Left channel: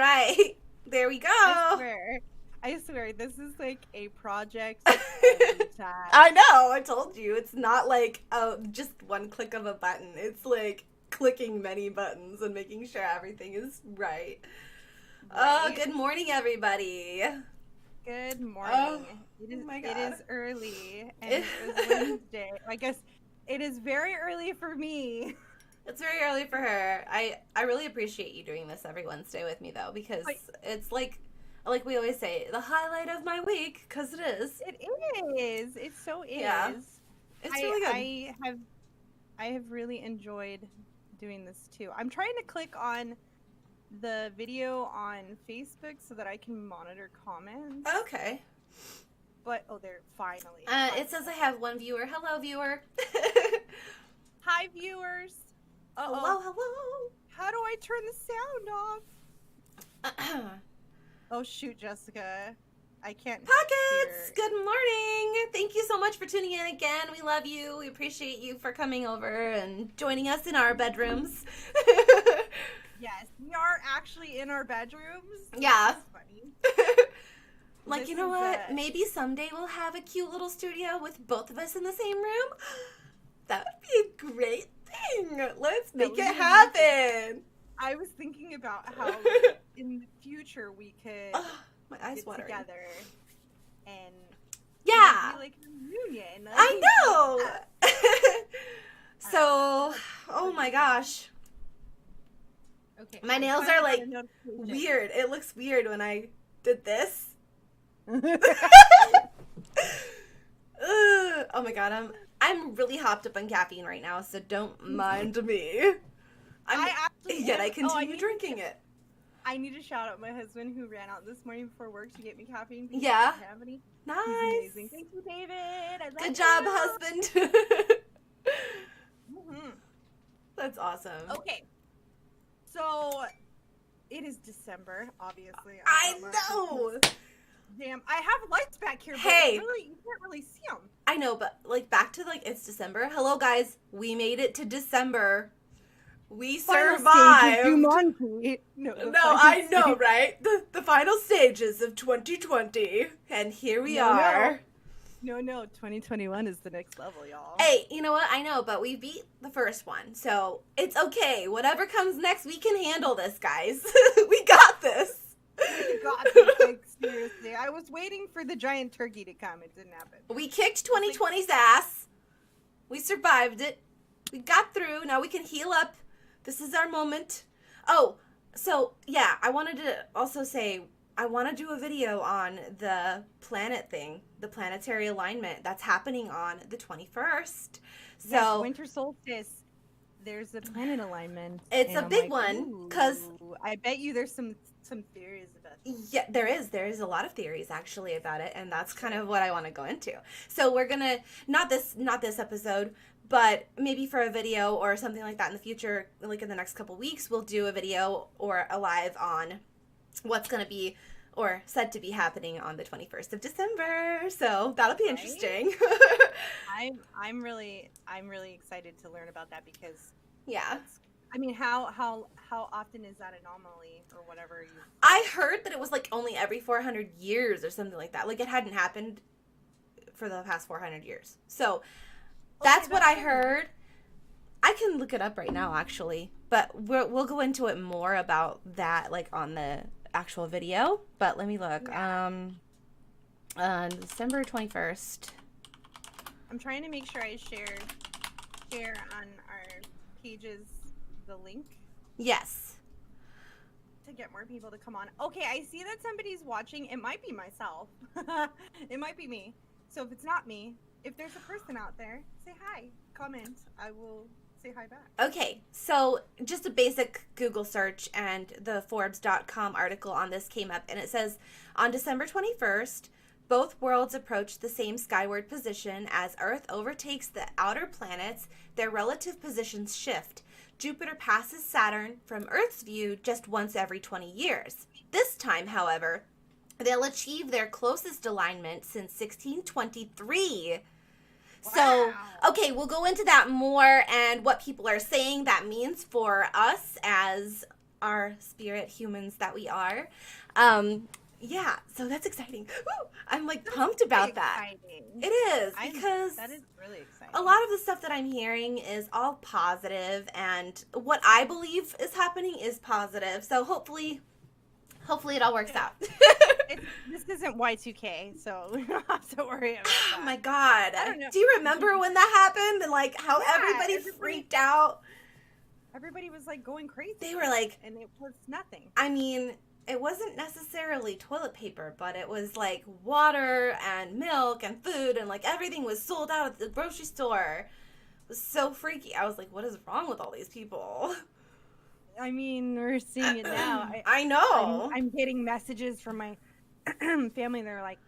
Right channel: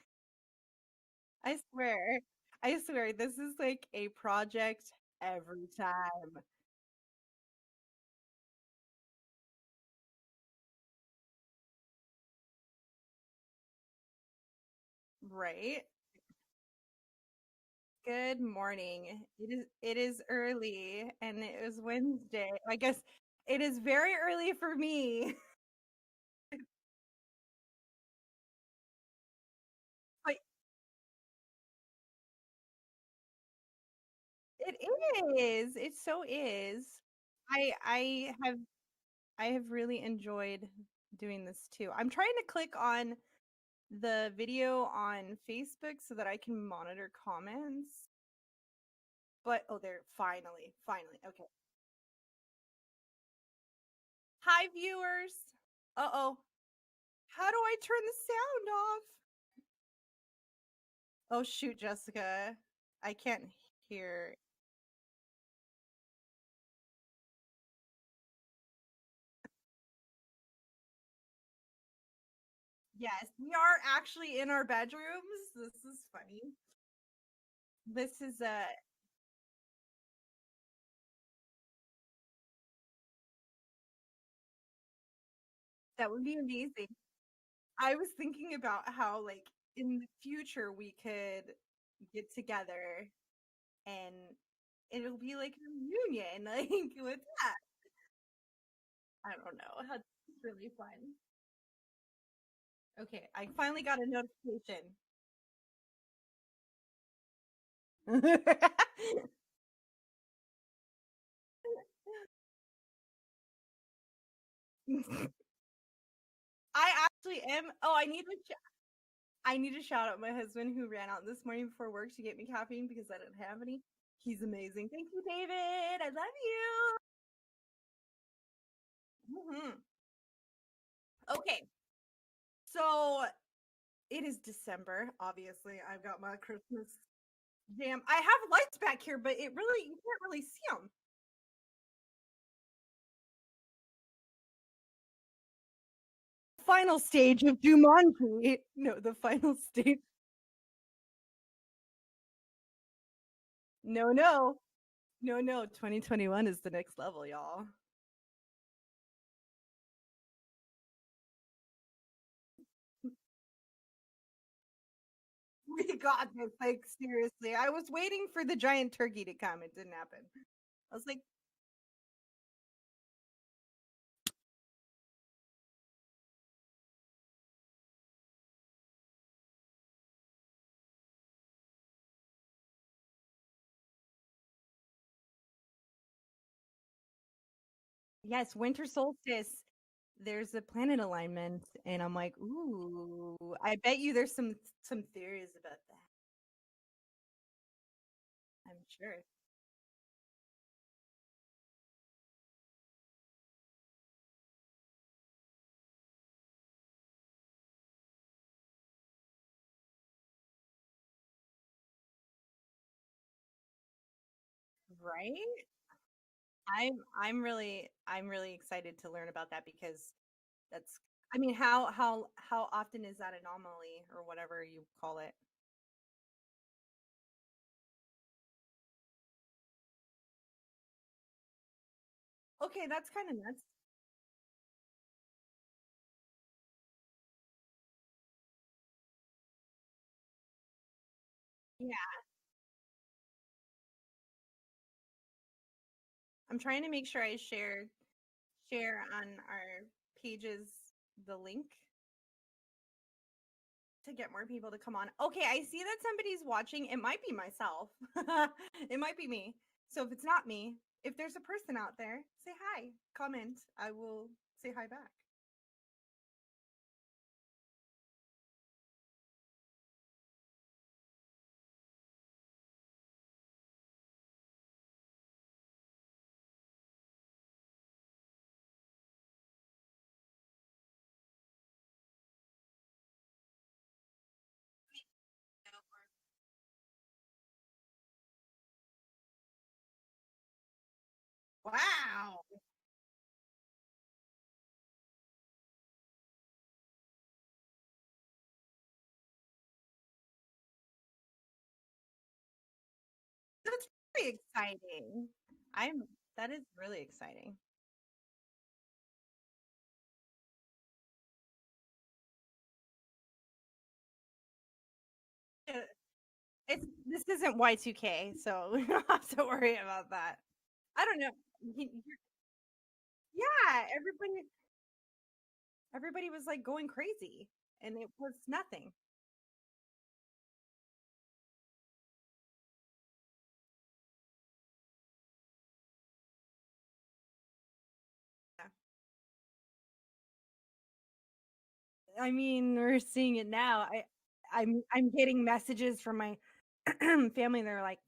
right. There we go. I swear, this is like a project every time. I know, I told you. It's not like just one click of a button. It's like clicking many buttons and making sure everything is right. Oh, good morning, everybody. Good morning. It is early, and it was Wednesday. I guess it is very early for me. It's very early for her. I really appreciate you doing this every Wednesday with me, though, because it's like we always say, the highlight of my week, because it is. It is. It so is. Yeah. It's really good. I have really enjoyed doing this too. I'm trying to click on the video on Facebook so that I can monitor comments. Okay. But there finally. It says I have one viewer. Hello, viewer. Hi, viewers. Hello. How do I turn the sound off? Oh shoot, Jessica. I can't Pockets! Good morning! Thank you so much for tuning in again. We love you. We appreciate you for coming over and joining us in our bedrooms. Yes, we are actually in our bedrooms. Yeah. This is funny. Like, you know what? Maybe someday we'll have a cute little studio with both of us in the same room. That would be a great thing. Let's make it happen. I was thinking about how in the future we could get together and be like a reunion. I know. So, oh my gosh. Okay. My nails are like weird. It looks weird when I did this. Oh my god, I'm really hopped up on caffeine right now, so don't mind me. I continue drinking it. I need to shout out my husband who ran out this morning before work to get me caffeine because I didn't have any. Nice. He's amazing. Thank you, David. I love Good job, husband. Mm-hmm. That's awesome. Okay. So, it is December, obviously. I know. Damn, I have lights back here, but you can't really see them. I know, but back to it's December. Hello, guys. We made it to December. We survived. Final stage of Jumanji. No, I know, right? The final stages of 2020, and here we are. No, 2021 is the next level, y'all. Hey, you know what? I know, but we beat the first one, so it's okay. Whatever comes next, we can handle this, guys. We got this. We got this, like, seriously. I was waiting for the giant turkey to come. It didn't happen. We kicked 2020's ass. We survived it. We got through. Now we can heal up. This is our moment. Oh, so, yeah, I wanted to also say, I want to do a video on the planet thing, the planetary alignment that's happening on the 21st. So, yes, winter solstice. There's a planet alignment. It's a big one because I bet you there's some theories about it. Yeah, there is a lot of theories actually about it, and that's kind of what I want to go into. So we're gonna not this episode, but maybe for a video or something like that in the future, like in the next couple weeks, we'll do a video or a live on what's gonna be or said to be happening on the 21st of December. So that'll be interesting. I'm really excited to learn about that because I mean, how often is that anomaly or whatever you? I heard that it was only every 400 years or something like that. Like it hadn't happened for the past 400 years. So that's what I heard. I can look it up right now actually, but we'll go into it more about that on the actual video. But let me look. December 21st. I'm trying to make sure I share on our pages the link. Yes. To get more people to come on. Okay, I see that somebody's watching. It might be myself. It might be me. So if it's not me, if there's a person out there, say hi. Comment. I will say hi back. Okay, so just a basic Google search and the Forbes.com article on this came up, and it says, on December 21st, both worlds approach the same skyward position as Earth overtakes the outer planets. Their relative positions shift. Jupiter passes Saturn from Earth's view just once every 20 years. This time, however, they'll achieve their closest alignment since 1623. Wow. So, okay, we'll go into that more and what people are saying that means for us as our spirit humans that we are. Yeah, so that's exciting. Woo! I'm like pumped about that. Exciting. It is, because that is really exciting. a lot of the stuff that I'm hearing is all positive, and what I believe is happening is positive. So hopefully it all works out. This isn't Y2K, so we don't have to worry about that. Oh my God. I don't know. Do you remember when that happened and like how everybody freaked out? Everybody was like going crazy. They were like, and it was nothing. I mean, it wasn't necessarily toilet paper, but it was like water and milk and food, and like everything was sold out at the grocery store. It was so freaky. I was like, what is wrong with all these people? I mean, we're seeing it now. I know. I'm getting messages from my family. They're like,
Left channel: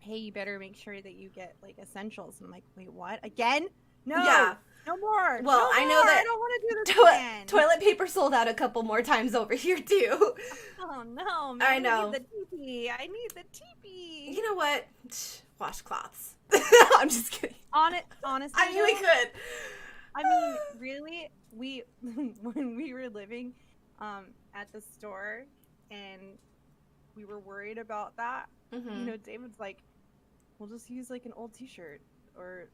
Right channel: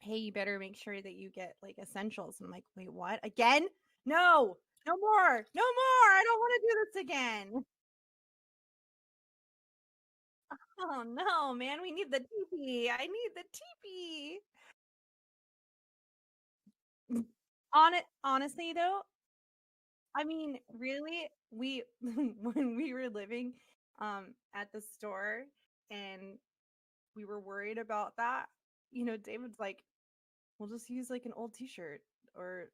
hey, you better make sure that you get like essentials. And I'm like, wait, what? Again? No. Yeah. No more. Well, no I more. know that I don't want to do this again. Toilet paper sold out a couple more times over here too. Oh no, man! I know. I need the teepee. I need the teepee. You know what? Washcloths. I'm just kidding. Honestly, I knew we could. I mean, really, when we were living at the store and we were worried about that, Mm-hmm. you know, David's like, we'll just use like an old T-shirt or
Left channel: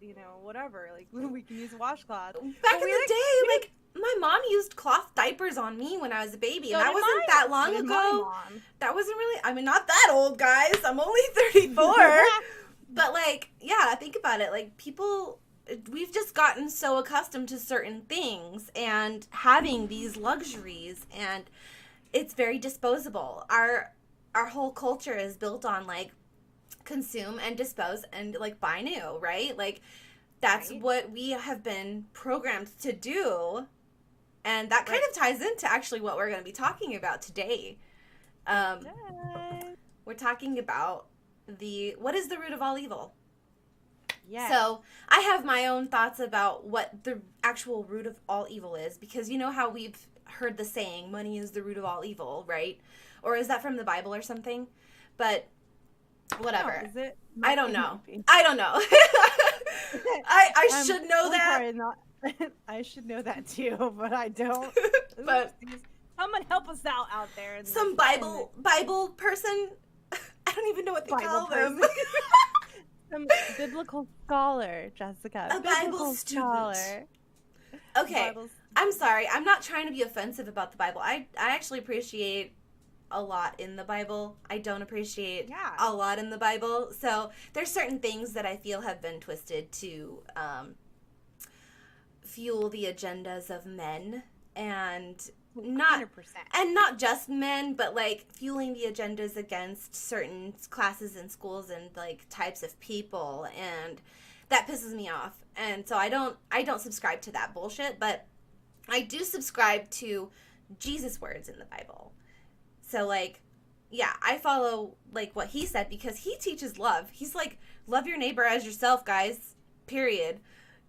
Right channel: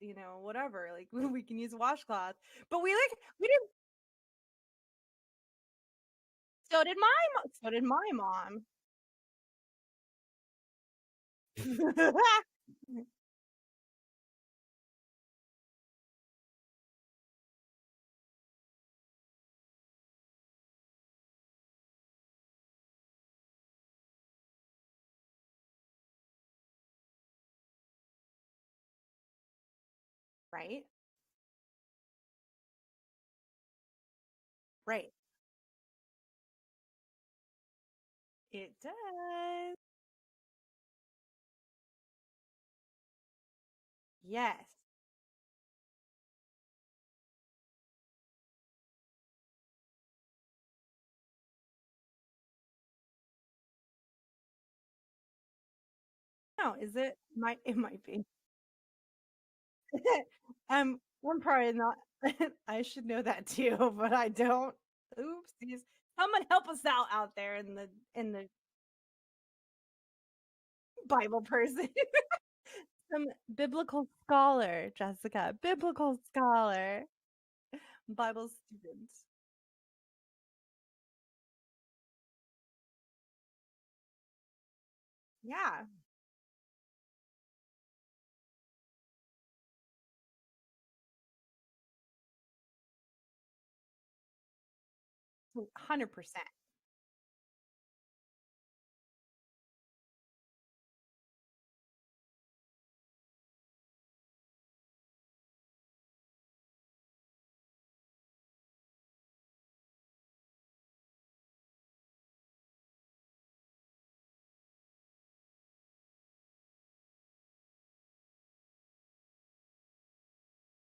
you know, whatever. Like we can use a washcloth. Back in the day, like my mom used cloth diapers on me when I was a baby. So and that wasn't that long ago. ago. My mom. That wasn't really. I mean, not that old, guys. I'm only 34. But like, yeah, think about it. Like people, we've just gotten so accustomed to certain things and having these luxuries, and it's very disposable. Our whole culture is built on like consume and dispose and like buy new, right? Like that's what we have been programmed to do, and that kind of ties into actually what we're going to be talking about today. We're talking about what is the root of all evil. Yeah. So I have my own thoughts about what the actual root of all evil is, because you know how we've heard the saying, money is the root of all evil, right? Or is that from the Bible or something? But whatever. No, is it? I don't know. I don't know. I should know that. Probably not. I should know that too, but I don't. But someone help us out there. Some Bible person. I don't even know what they call them. Some biblical scholar, Jessica. A biblical scholar. Okay. I'm sorry. I'm not trying to be offensive about the Bible. I actually appreciate a lot in the Bible. I don't appreciate a lot in the Bible. So there's certain things that I feel have been twisted to fuel the agendas of men, and not 100%. And not just men, but like fueling the agendas against certain classes and schools and like types of people, and that pisses me off. And so I don't subscribe to that bullshit, but I do subscribe to Jesus' words in the Bible. So like, yeah, I follow like what he said, because he teaches love. He's like, love your neighbor as yourself, guys. Period.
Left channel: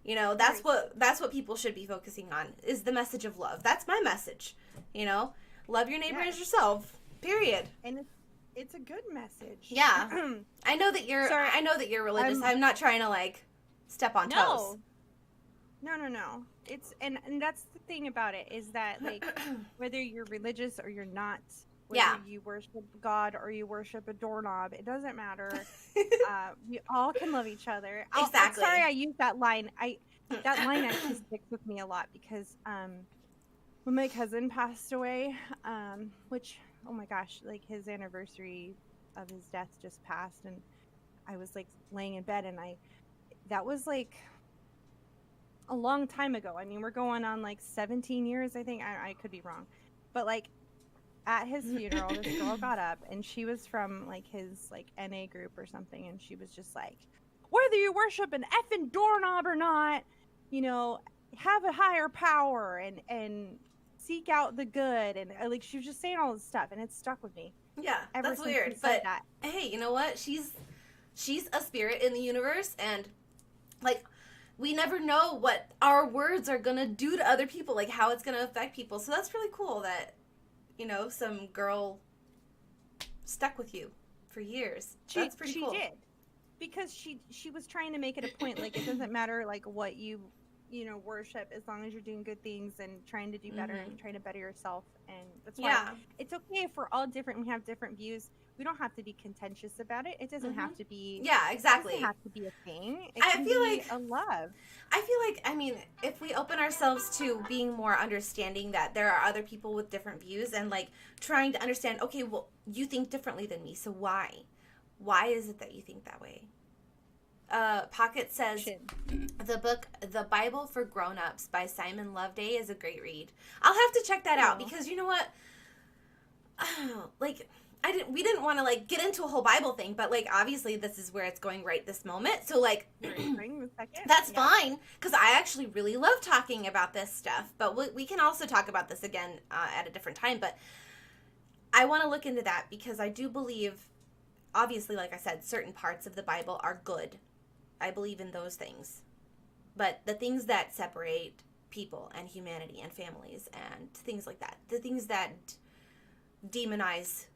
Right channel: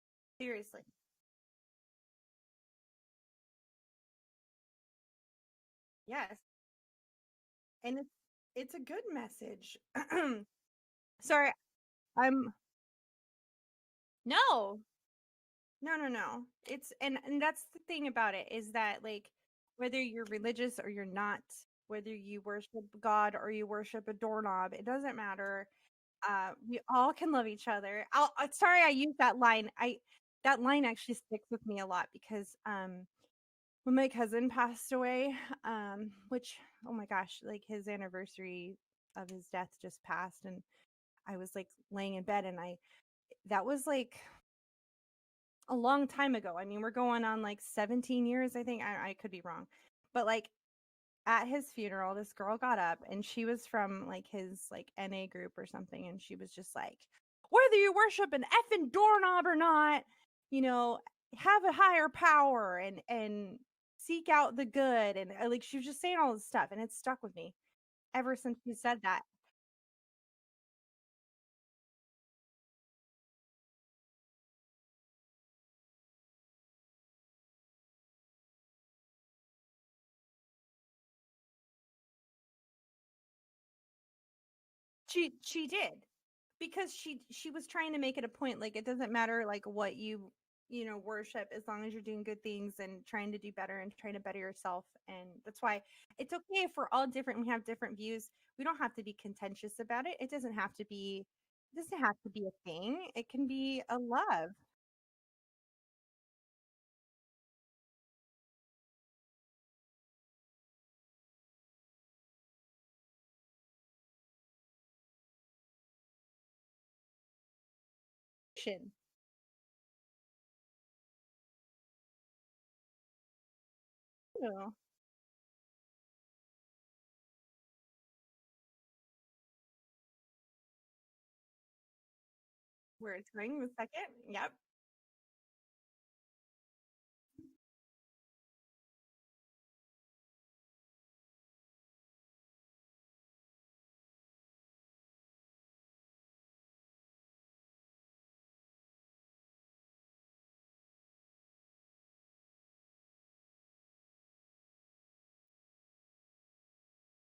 You know, that's what people should be focusing on, is the message of love. That's my message. You know, love your neighbor as yourself. Period. And it's a good message. Yeah. I know that you're I know that you're religious. I'm not trying to like step on toes. No. It's and that's the thing about it, is that like whether you're religious or you're not, whether you worship God or you worship a doorknob, it doesn't matter. We all can love each other. Exactly. I'm sorry I used that line. That line actually sticks with me a lot, because when my cousin passed away, which, oh my gosh, like his anniversary of his death just passed, and I was like laying in bed, and that was like a long time ago. I mean, we're going on like 17 years, I think. I could be wrong. But like at his funeral, this girl got up, and she was from like his like NA group or something, and she was just like, whether you worship an effing doorknob or not, you know, have a higher power and seek out the good, and like she was just saying all this stuff, and it stuck with me. Yeah, ever that's since weird. she said that. Hey, you know what? She's a spirit in the universe, and like we never know what our words are gonna do to other people, like how it's gonna affect people. So that's really cool that, you know, some girl stuck with you for years. That's pretty cool. She did, because she was trying to make it a point, like it doesn't matter like what you worship as long as you're doing good things and trying to do better Mm-hmm. and trying to better yourself. And that's why Yeah. it's okay if we're all different. We have different views. We don't have to be contentious about it. It doesn't Mm-hmm. have to be. Yeah, It doesn't exactly. have to be a thing. It I can feel be like a love. I mean, if we open ourselves to being more understanding that there are other people with different views and like trying to understand, okay, well, you think differently than me, so why? Why is it that you think that way? Pocket says the book The Bible for Grown-Ups by Simon Loveday is a great read. I'll have to check that out because you know what? Like we didn't want to like get into a whole Bible thing, but like obviously this is where it's going right this moment. So like that's fine because I actually really love talking about this stuff. But we can also talk about this again at a different time. But I want to look into that because I do believe, obviously, like I said, certain parts of the Bible are good. I believe in those things. But the things that separate people and humanity and families and things like that, the things that demonize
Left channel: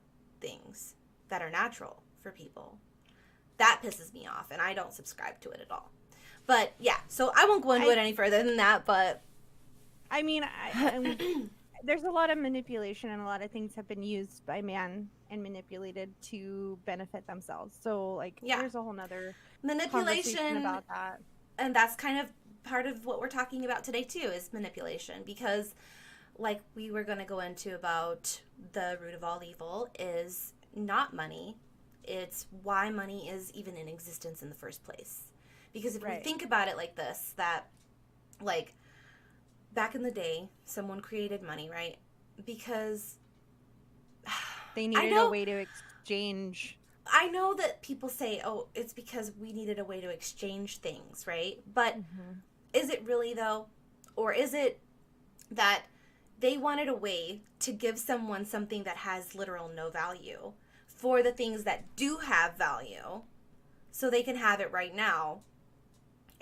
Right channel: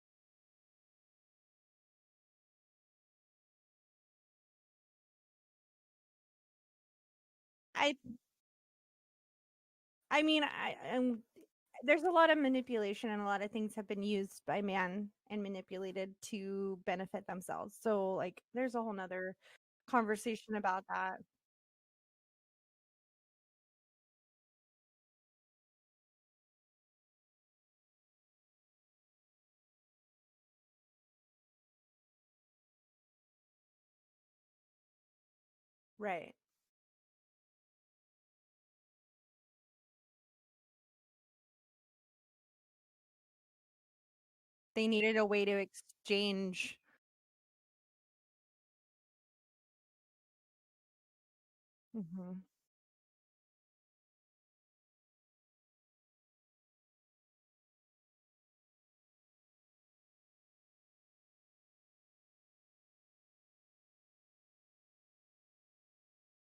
things that are natural for people, that pisses me off, and I don't subscribe to it at all. But yeah, so I won't go into it any further than that. But I mean, there's a lot of manipulation, and a lot of things have been used by man and manipulated to benefit themselves. So like, there's a whole nother conversation about that. And that's kind of part of what we're talking about today too, is manipulation, because like we were going to go into about the root of all evil is not money. It's why money is even in existence in the first place. Because if you think about it like this, that like back in the day, someone created money, right? Because they needed a way to exchange. I know that people say, oh, it's because we needed a way to exchange things, right? But is it really though? Or is it that they wanted a way to give someone something that has literal no value for the things that do have value so they can have it right now?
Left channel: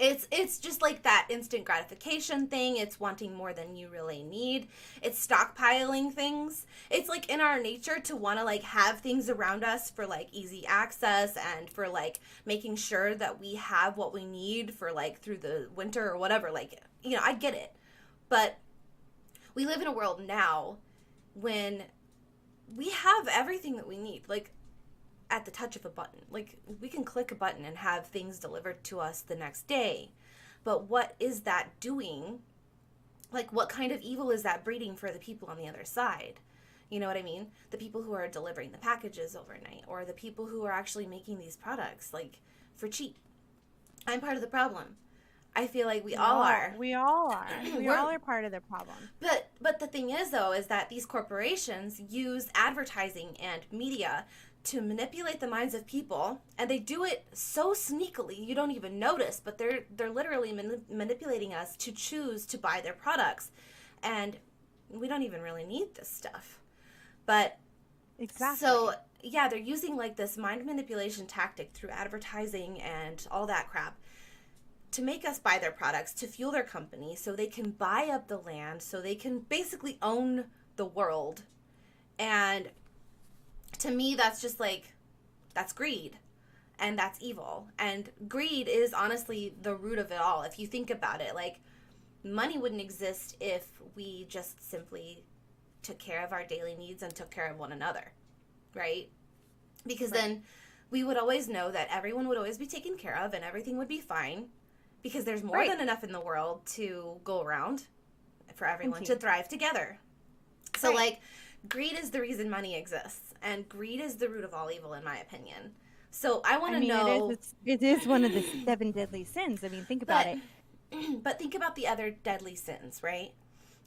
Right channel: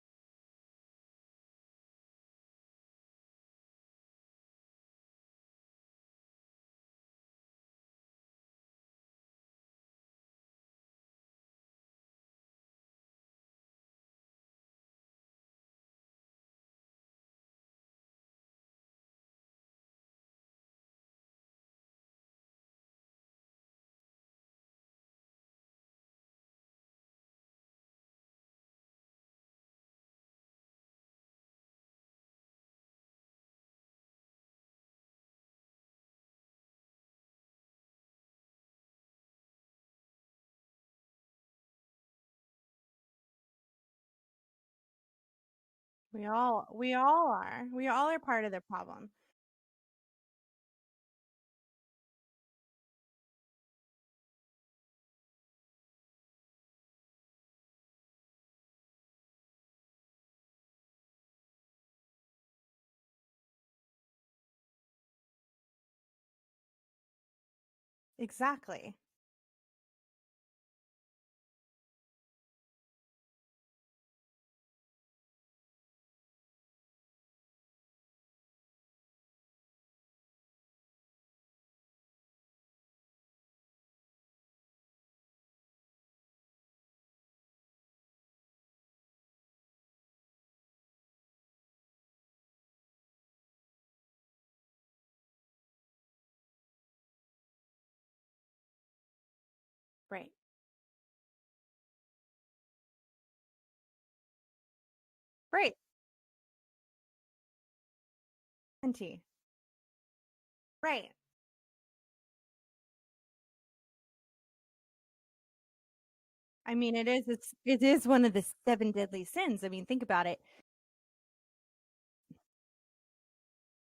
It's just like that instant gratification thing. It's wanting more than you really need. It's stockpiling things. It's like in our nature to want to like have things around us for like easy access and for like making sure that we have what we need for like through the winter or whatever. Like, I get it. But we live in a world now when we have everything that we need, like at the touch of a button. Like we can click a button and have things delivered to us the next day. But what is that doing? Like what kind of evil is that breeding for the people on the other side? You know what I mean? The people who are delivering the packages overnight, or the people who are actually making these products like for cheap. I'm part of the problem. I feel like we all are. We all are. We all are part of the problem. But the thing is, though, is that these corporations use advertising and media to manipulate the minds of people, and they do it so sneakily you don't even notice. But they're literally manipulating us to choose to buy their products, and we don't even really need this stuff. But exactly. So yeah, they're using like this mind manipulation tactic through advertising and all that crap to make us buy their products, to fuel their company, so they can buy up the land, so they can basically own the world. And to me, that's just like, that's greed. And that's evil. And greed is honestly the root of it all. If you think about it, like, money wouldn't exist if we just simply took care of our daily needs and took care of one another, right? Because then we would always know that everyone would always be taken care of and everything would be fine. Because there's more than enough in the world to go around for everyone to thrive together. So, like, greed is the reason money exists. And greed is the root of all evil, in my opinion. So, I want to know... it is one of the 7 deadly sins. I mean, think about it. But think about the other deadly sins, right?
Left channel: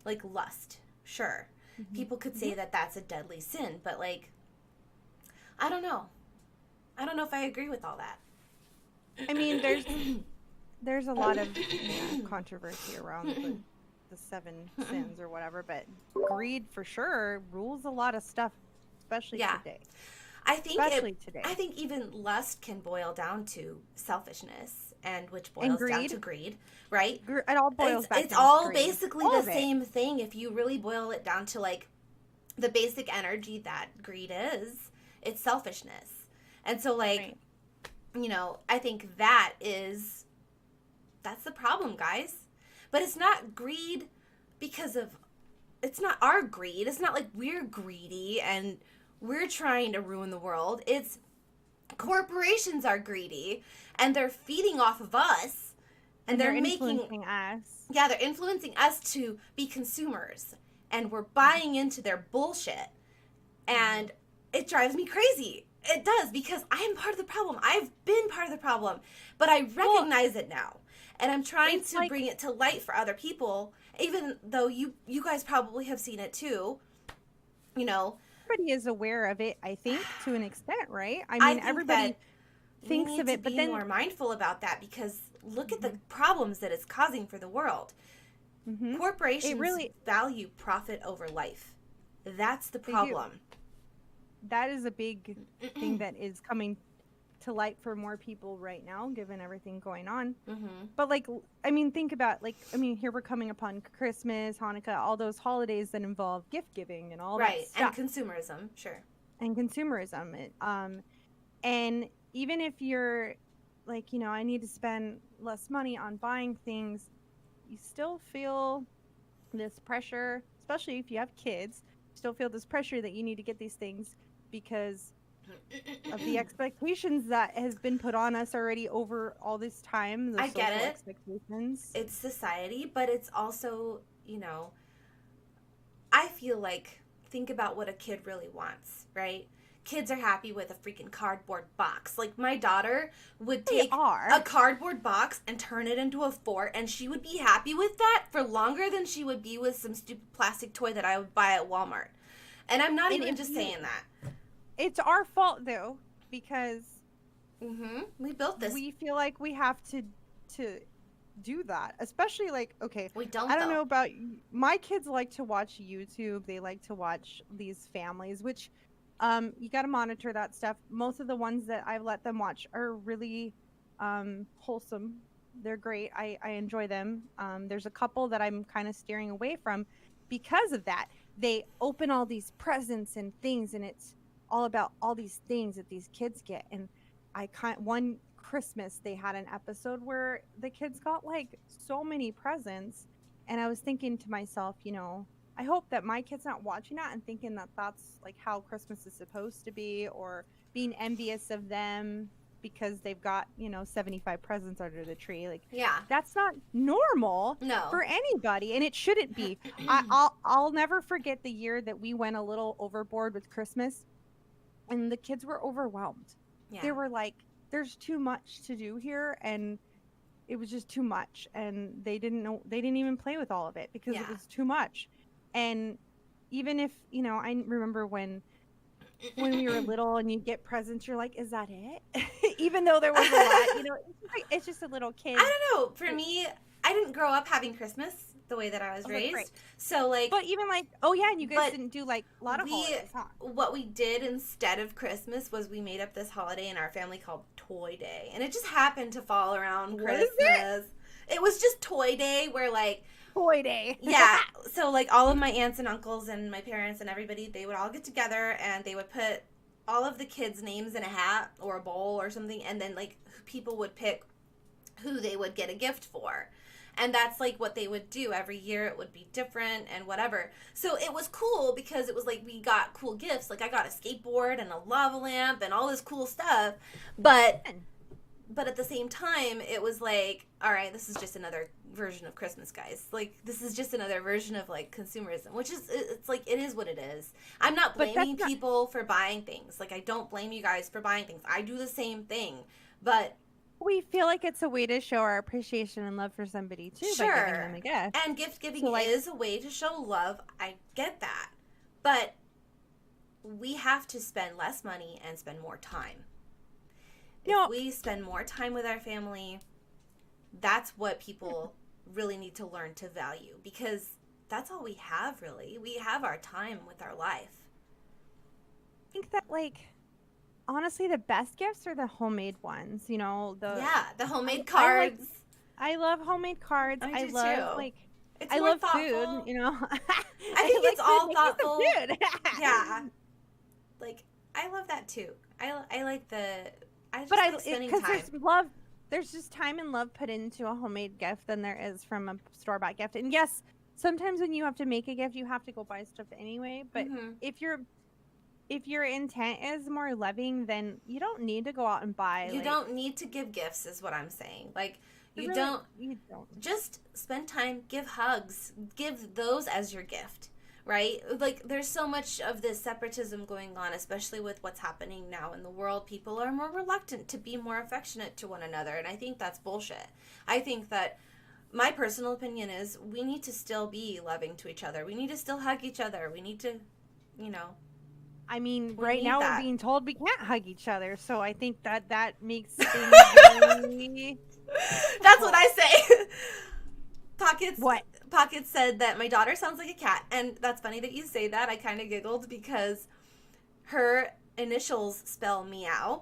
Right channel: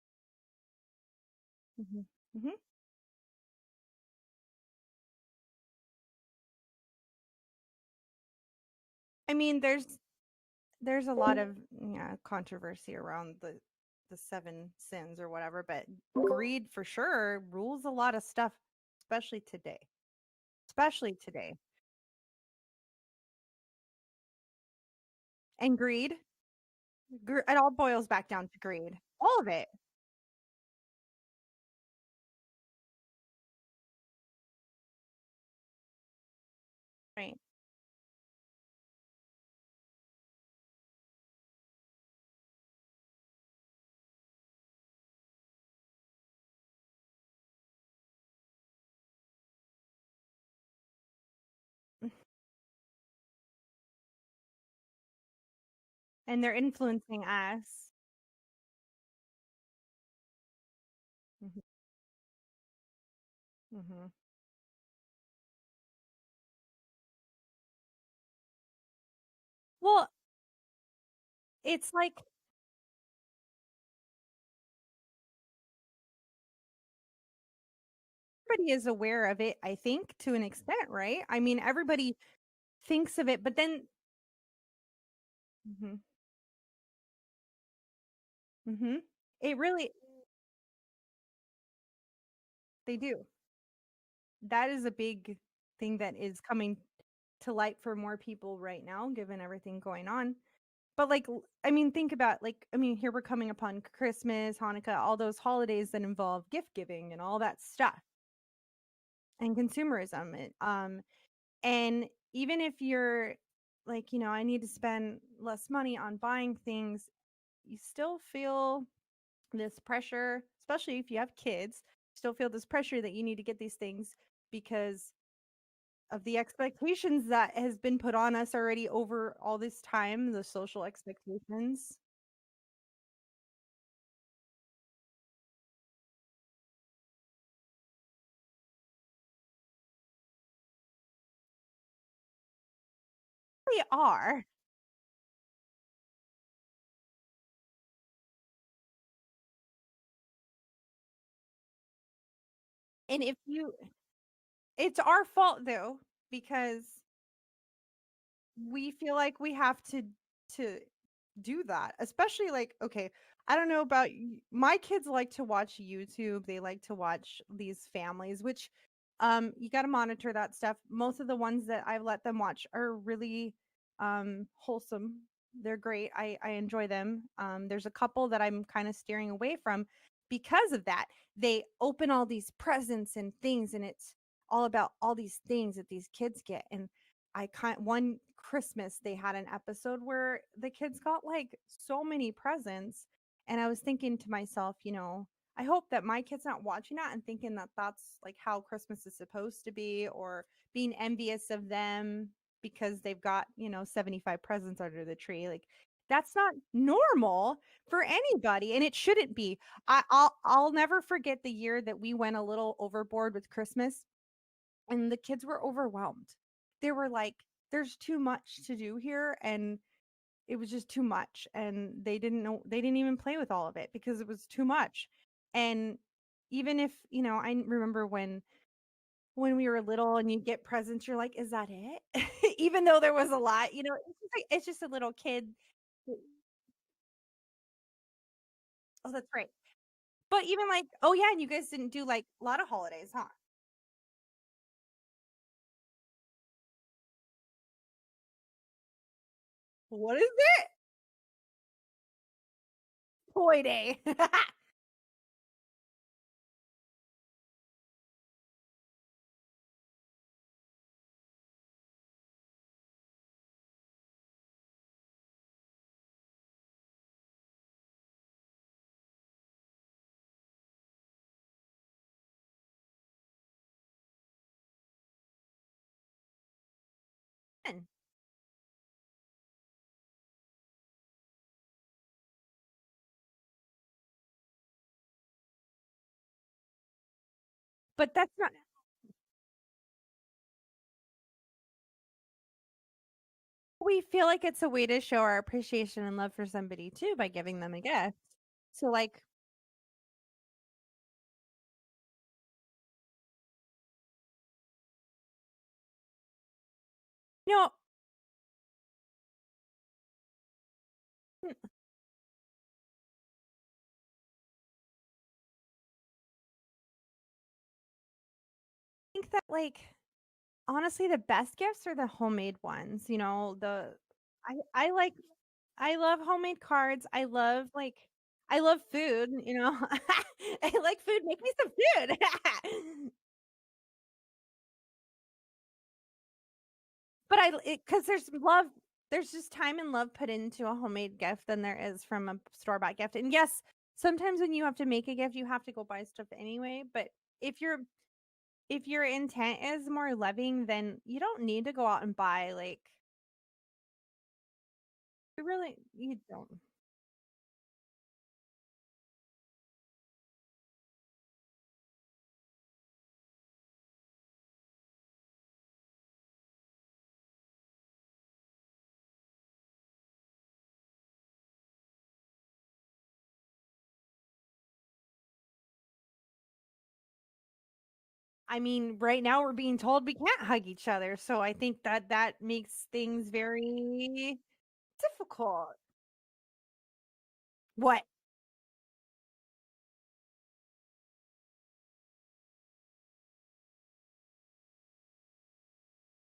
Like lust. Sure. People could say that that's a deadly sin. But, like, I don't know. I don't know if I agree with all that. I mean, there's a lot of controversy around the 7 sins or whatever, but greed for sure rules a lot of stuff, especially today. I think even lust can boil down to selfishness, and which boils down to greed, right? It all boils back down to greed. It's all basically the same thing if you really boil it down to like the basic energy that greed is. It's selfishness. And so like, I think that's the problem, guys. But it's not greed because of, it's not our greed. It's not like we're greedy and we're trying to ruin the world. It's corporations are greedy and they're feeding off of us. And they're influencing us. Yeah, they're influencing us to be consumers. And we're buying into their bullshit. And it drives me crazy. It does, because I am part of the problem. I've been part of the problem. But I recognize it now. And I'm trying to bring it to light for other people, even though you guys probably have seen it too. You know, everybody is aware of it, I think, to an extent, right? I mean, everybody thinks of it, but then more mindful about that, because look at the problems that it's causing for the world. Corporations value profit over life. That's the problem. That is a big thing that is coming to light for more people right now, given everything going on. But like, I mean, think about here we're coming upon Christmas, Hanukkah, all those holidays that involve gift giving and all that stuff. And consumerism, sure. And consumerism. And even if you're like, I need to spend less money on buying things, you still feel this pressure, especially if you have kids, still feel this pressure that you need to get these things because of the expectations that has been put on us already over all this time, the social expectations. It's society, but it's also, I feel like, think about what a kid really wants, right? Kids are happy with a freaking cardboard box. Like, my daughter would take a cardboard box and turn it into a fort, and she would be happy with that for longer than she would be with some stupid plastic toy that I would buy at Walmart. And I'm not even just saying that. It's our fault, though, because we built this. We feel like we have to do that, especially like, okay, I don't know about you. My kids like to watch YouTube. They like to watch these families, which you got to monitor that stuff. Most of the ones that I've let them watch are really wholesome. They're great. I enjoy them. There's a couple that I'm kind of steering away from because of that. They open all these presents and things, and it's all about all these things that these kids get. And one Christmas they had an episode where the kids got like so many presents, and I was thinking to myself, I hope that my kid's not watching that and thinking that that's like how Christmas is supposed to be, or being envious of them because they've got 75 presents under the tree. Like, that's not normal for anybody, and it shouldn't be. I'll never forget the year that we went a little overboard with Christmas, and the kids were overwhelmed. They were like, there's too much to do here, and it was just too much, and they didn't even play with all of it because it was too much. And even if I remember when we were little and you get presents, you're like, is that it? Even though there was a lot, it's just a little kid. I don't know. For me, I didn't grow up having Christmas the way that I was raised. Right. So like, but even like, and you guys didn't do like a lot of holidays, huh? What we did instead of Christmas was we made up this holiday in our family called Toy Day, and it just happened to fall around Christmas. What is it? It was just Toy Day, where like Toy Day. Yeah. So like all of my aunts and uncles and my parents and everybody, they would all get together and they would put all of the kids' names in a hat or a bowl or something, and then like people would pick who they would get a gift for. And that's like what they would do every year. It would be different and whatever. So it was cool because it was like we got cool gifts. Like I got a skateboard and a lava lamp and all this cool stuff. But at the same time, it was like, all right, this is just another version of Christmas, guys. Like, this is just another version of like consumerism, which is, it's like, it is what it is. I'm not blaming people for buying things. Like, I don't blame you guys for buying things. I do the same thing. But we feel like it's a way to show our appreciation and love for somebody too, by giving them a gift. And gift giving is a way to show love. I get that. But we have to spend less money and spend more time. If we spend more time with our family, that's what people really need to learn to value, because that's all we have, really. We have our time with our life. I think that, like, honestly, the best gifts are the homemade ones. The homemade cards. I love homemade cards. I love too. I love food. I think I like it's all food. thoughtful. Make me some food. Yeah, like I love that too. I like the. Because there's love there's just time and love put into a homemade gift than there is from a store-bought gift. And yes, sometimes when you have to make a gift, you have to go buy stuff anyway. But if your intent is more loving, then you don't need to go out and buy. You don't need to give gifts, is what I'm saying. Like, you You don't. just spend time, give hugs, give those as your gift, right? Like, there's so much of this separatism going on, especially with what's happening now in the world. People are more reluctant to be more affectionate to one another, and I think that's bullshit. I think that my personal opinion is we need to still be loving to each other. We need to still hug each other. We need to, I mean, right now we're being told we can't hug each other, so I think that makes things very... That's what I say. What? Pockets said that my daughter sounds like a cat, and that's funny that you say that. I kind of giggled because her initials spell meow.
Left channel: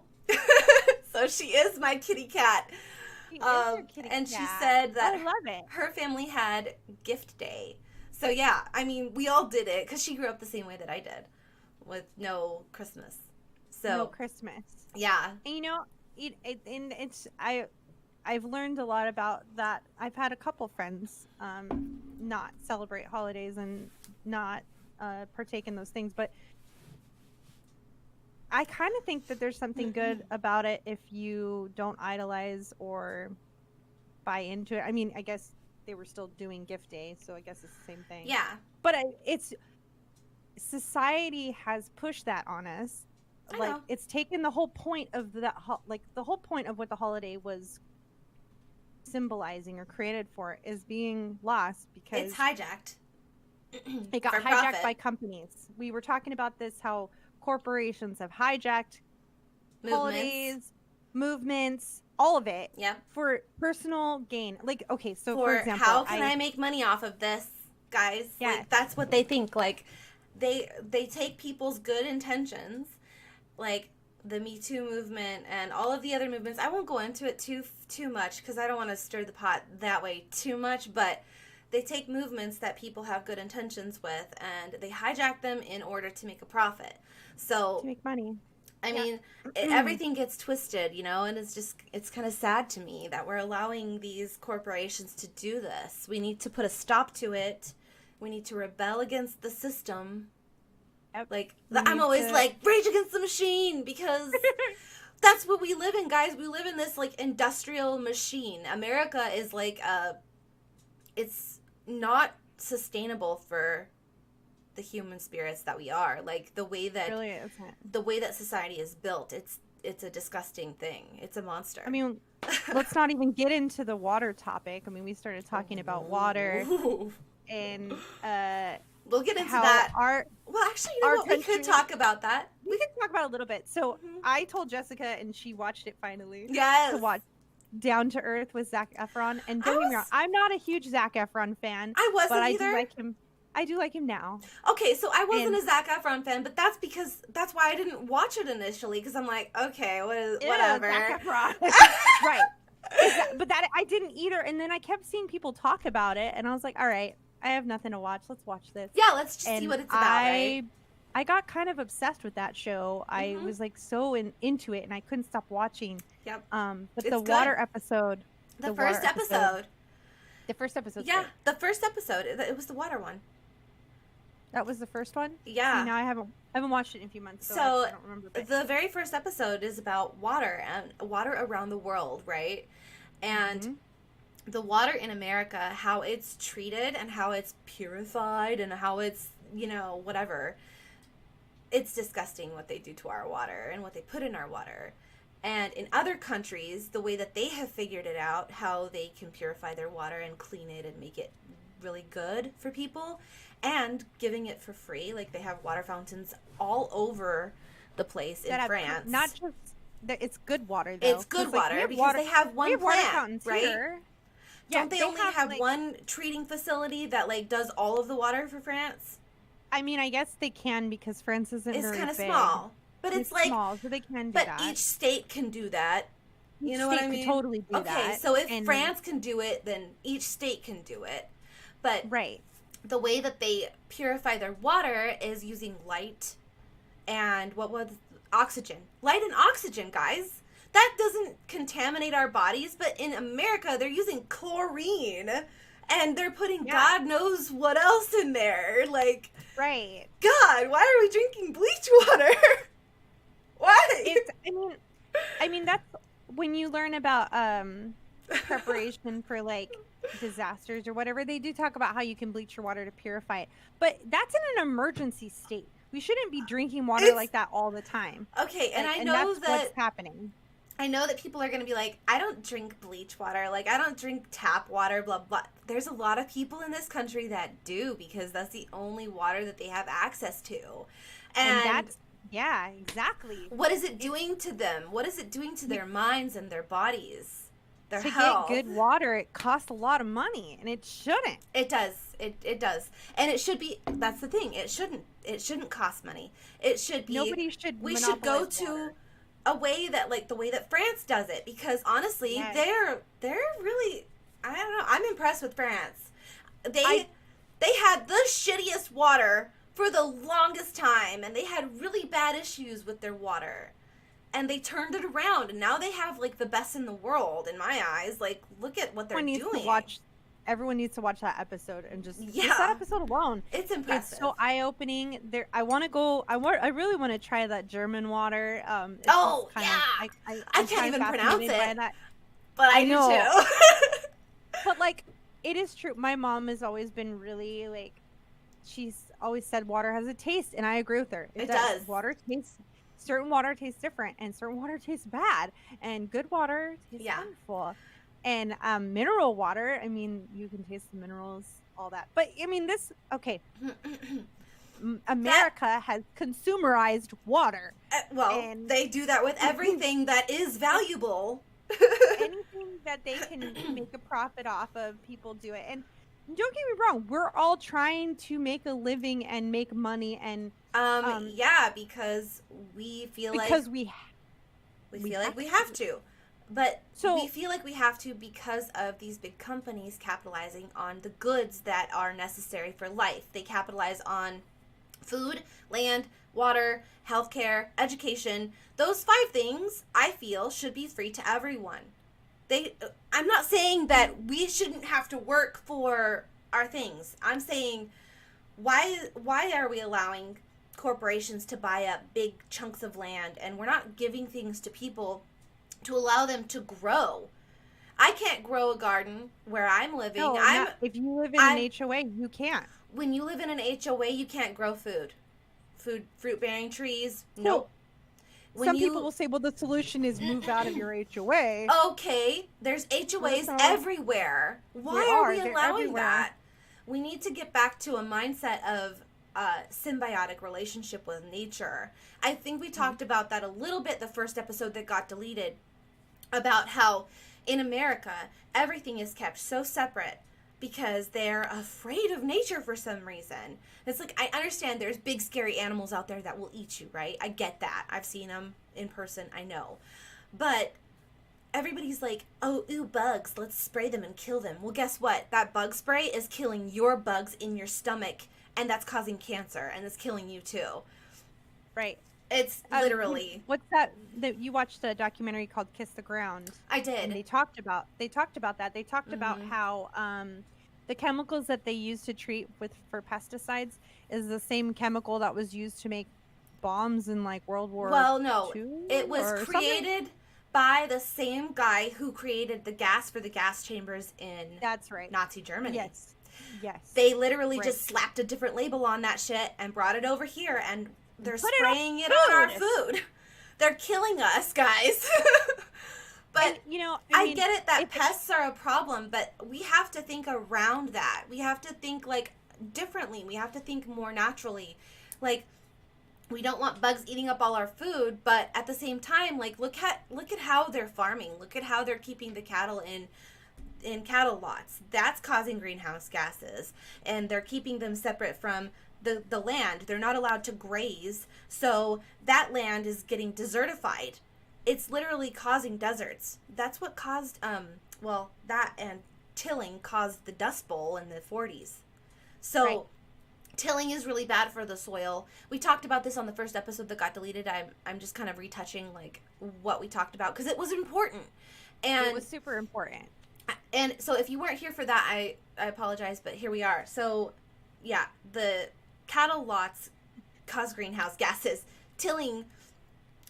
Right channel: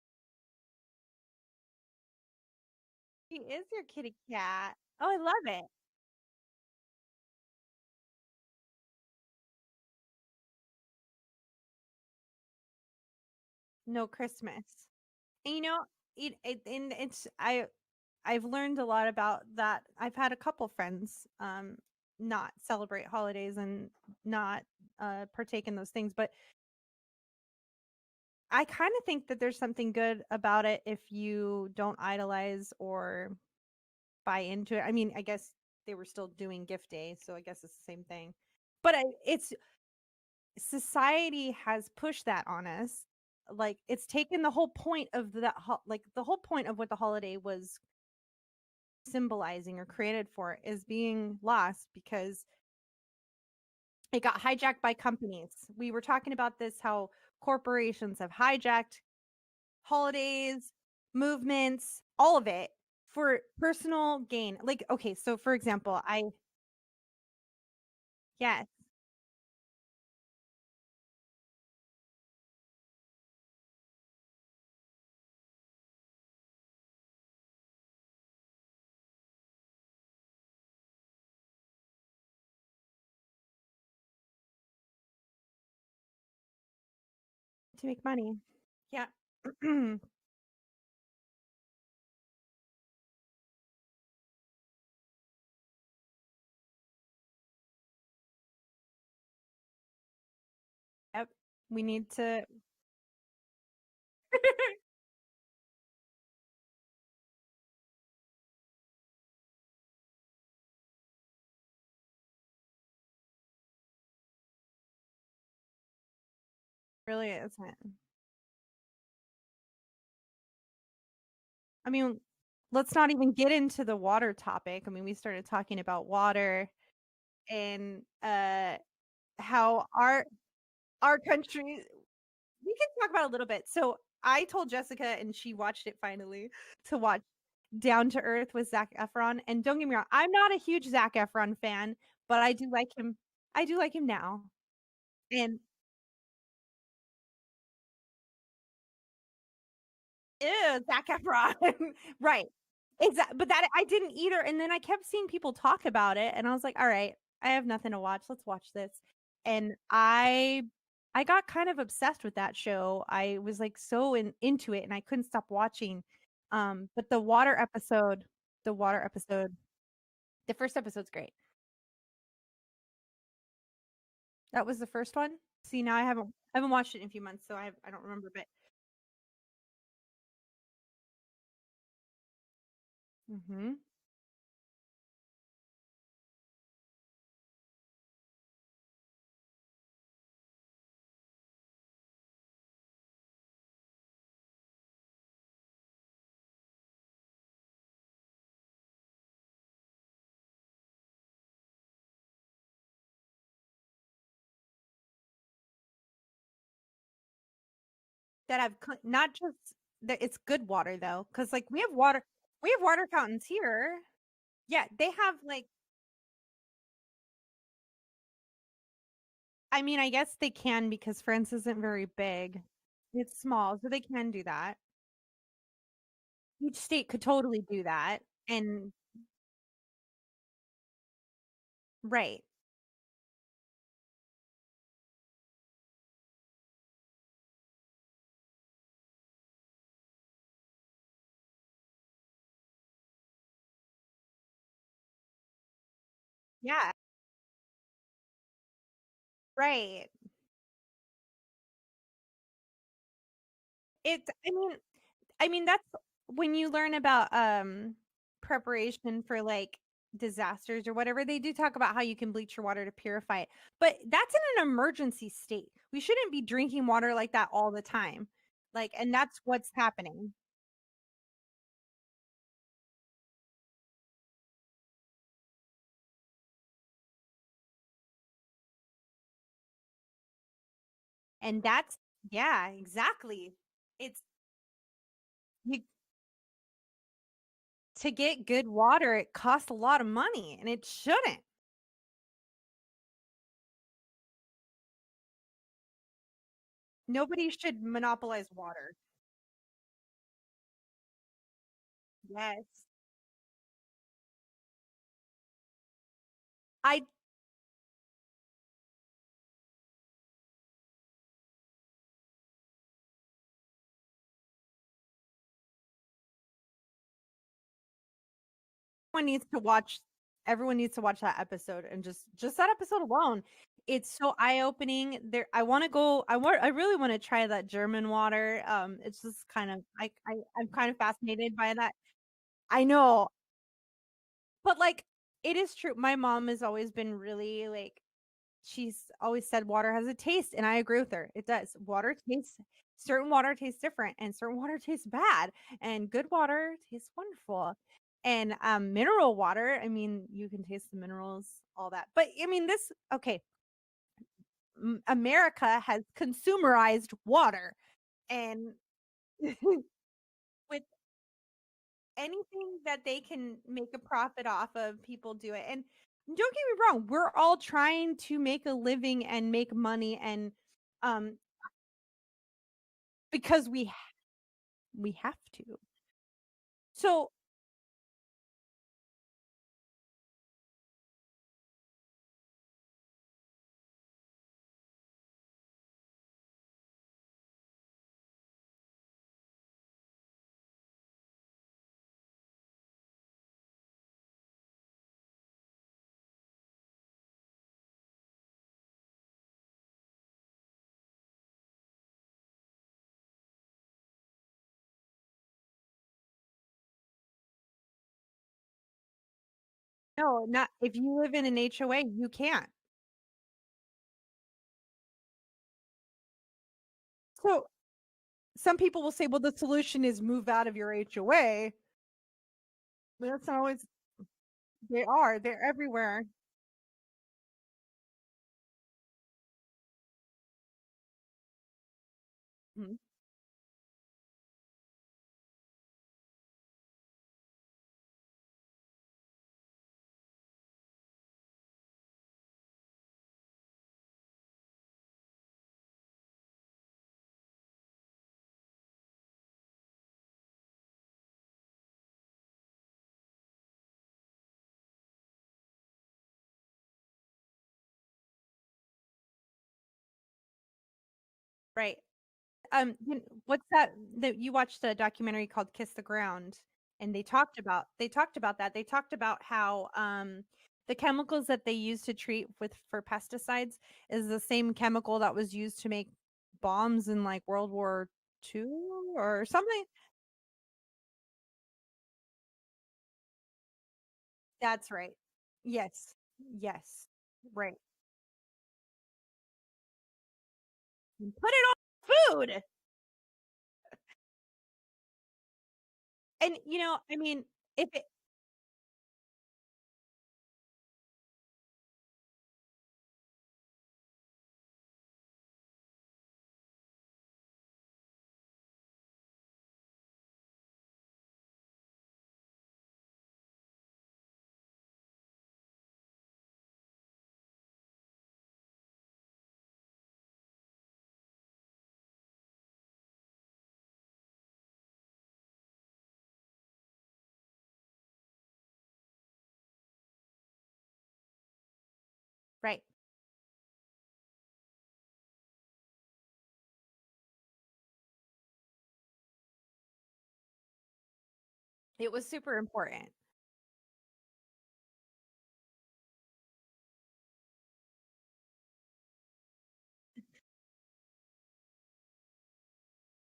So she is my kitty cat. She is your kitty and cat. She said that I love it. Her family had gift day. So yeah, I mean, we all did it because she grew up the same way that I did, with no Christmas. So no Christmas. Yeah. And I've learned a lot about that. I've had a couple friends not celebrate holidays and not partake in those things, but I kind of think that there's something good about it if you don't idolize or buy into it. I mean, I guess they were still doing gift day, so I guess it's the same thing. Yeah. But society has pushed that on us. Like, it's taken the whole point of the whole point of what the holiday was symbolizing or created for is being lost because it's hijacked. It got hijacked by companies. We were talking about this, how corporations have hijacked holidays, movements, all of it for personal gain. Like, okay, so for example, how can I make money off of this, guys? Yeah, like, that's what they think. Like, they take people's good intentions, like the Me Too movement and all of the other movements. I won't go into it too much because I don't want to stir the pot that way too much, but they take movements that people have good intentions with and they hijack them in order to make a profit. So to make money. I mean, everything gets twisted, and it's kind of sad to me that we're allowing these corporations to do this. We need to put a stop to it. We need to rebel against the system. Like, I'm always like, rage against the machine, because that's what we live in, guys. We live in this, like, industrial machine. America is like, it's not sustainable for the human spirits that we are. Like, the way that really isn't. The way that society is built, it's a disgusting thing. It's a monster. I mean, let's not even get into the water topic. I mean, we started talking about water and we'll get into how that. Well, actually, we could talk about that. We can talk about it a little bit. So I told Jessica, and she watched it finally. Yes. To watch Down to Earth with Zac Efron. And don't get me wrong, I'm not a huge Zac Efron fan. I wasn't but either. I do like him. I do like him now. Okay, so I wasn't a Zac Efron fan, but that's why I didn't watch it initially, because I'm like, okay, whatever. Zac Efron. Right. But I didn't either. And then I kept seeing people talk about it, and I was like, all right, I have nothing to watch. Let's watch this. Yeah, let's just see what it's about. Right? I got kind of obsessed with that show. I was like so into it, and I couldn't stop watching. Yep. But it's the good. water episode. The first episode. The first episode. Yeah, the first episode. It was the water one. That was the first one? Yeah. See, now I haven't watched it in a few months, so I don't remember. But the very first episode is about water and water around the world, right? And the water in America, how it's treated and how it's purified and how it's, whatever. It's disgusting what they do to our water and what they put in our water. And in other countries, the way that they have figured it out, how they can purify their water and clean it and make it really good for people, and giving it for free. Like, they have water fountains all over the place in France. Not just it's good water, though. It's good water. We have because water. They have one we have water plant, fountains right? here. Yeah, don't they only have one treating facility that does all of the water for France? I mean, I guess they can, because France isn't very big. Small, but it's small, so they can do that. But each state can do that. Each state could totally do that. Okay, so if France can do it, then each state can do it. But the way that they purify their water is using light and oxygen. Light and oxygen, guys. that doesn't contaminate our bodies, but in America, they're using chlorine. And they're putting God knows what else in there. Like, right. God, why are we drinking bleach water? Why? I mean, that's when you learn about preparation for like disasters or whatever, they do talk about how you can bleach your water to purify it. But that's in an emergency state. We shouldn't be drinking water like that all the time. Okay, and and that's what's happening. I know that people are going to be like, I don't drink bleach water. Like, I don't drink tap water, blah, blah. There's a lot of people in this country that do, because that's the only water that they have access to. And that's, yeah, exactly. What is it doing to them? What is it doing to their minds and their bodies? Their to health? get good water, it costs a lot of money, and it shouldn't. It does. It does. And it should be, that's the thing. It shouldn't cost money. It should be. Nobody should monopolize water. A way that, like, the way that France does it, because honestly, they're really, I don't know, I'm impressed with France. They had the shittiest water for the longest time, and they had really bad issues with their water, and they turned it around, and now they have like the best in the world in my eyes. Like, look at what they're doing. Everyone needs to watch that episode, and just that episode alone. It's impressive. It's so eye-opening. I want to go. I really want to try that German water. I'm kind of fascinated by that. But I know. Too. But like, it is true. My mom has always been really like, she's always said water has a taste, and I agree with her. It does. Certain water tastes different, and certain water tastes bad, and good water tastes wonderful. And mineral water, I mean, you can taste the minerals, all that. But I mean, America has consumerized water. And they do that with everything that is valuable. Anything that they can make a profit off of, people do it. And don't get me wrong, we're all trying to make a living and make money, and because we feel we have to. But we feel like we have to because of these big companies capitalizing on the goods that are necessary for life. They capitalize on food, land, water, healthcare, education. Those 5 things, I feel, should be free to everyone. I'm not saying that we shouldn't have to work for our things. I'm saying, why are we allowing corporations to buy up big chunks of land, and we're not giving things to people to allow them to grow? I can't grow a garden where I'm living. No, if you live in an HOA, you can't. When you live in an HOA, you can't grow fruit-bearing trees. So, nope. Some people will say, well, the solution is move out of your HOA. Okay, there's HOAs everywhere. Why are we allowing that? We need to get back to a mindset of symbiotic relationship with nature. I think we talked about that a little bit the first episode that got deleted, about how in America everything is kept so separate because they're afraid of nature for some reason. It's like, I understand there's big scary animals out there that will eat you, right? I get that. I've seen them in person, I know. But everybody's like, oh, ooh, bugs, let's spray them and kill them. Well, guess what? That bug spray is killing your bugs in your stomach, and that's causing cancer, and it's killing you too. Right. It's literally. What's that you watched a documentary called Kiss the Ground? I did. And they talked about that. They talked about how the chemicals that they use to treat for pesticides is the same chemical that was used to make bombs in like World War II. Well, no, it was created by the same guy who created the gas for the gas chambers in Nazi Germany. Yes. They literally just slapped a different label on that shit and brought it over here, and they're spraying it on our food. They're killing us, guys. But and, I get it that pests are a problem, but we have to think around that. We have to think like differently. We have to think more naturally. Like, we don't want bugs eating up all our food, but at the same time, like, look at how they're farming. Look at how they're keeping the cattle in cattle lots. That's causing greenhouse gases, and they're keeping them separate from the land. They're not allowed to graze, so that land is getting desertified. It's literally causing deserts. That's what caused that and tilling caused the Dust Bowl in the 40s. So Tilling is really bad for the soil. We talked about this on the first episode that got deleted. I'm just kind of retouching like what we talked about because it was important. And it was super important. And so if you weren't here for that, I apologize, but here we are. So yeah, the cattle lots cause greenhouse gases. Tilling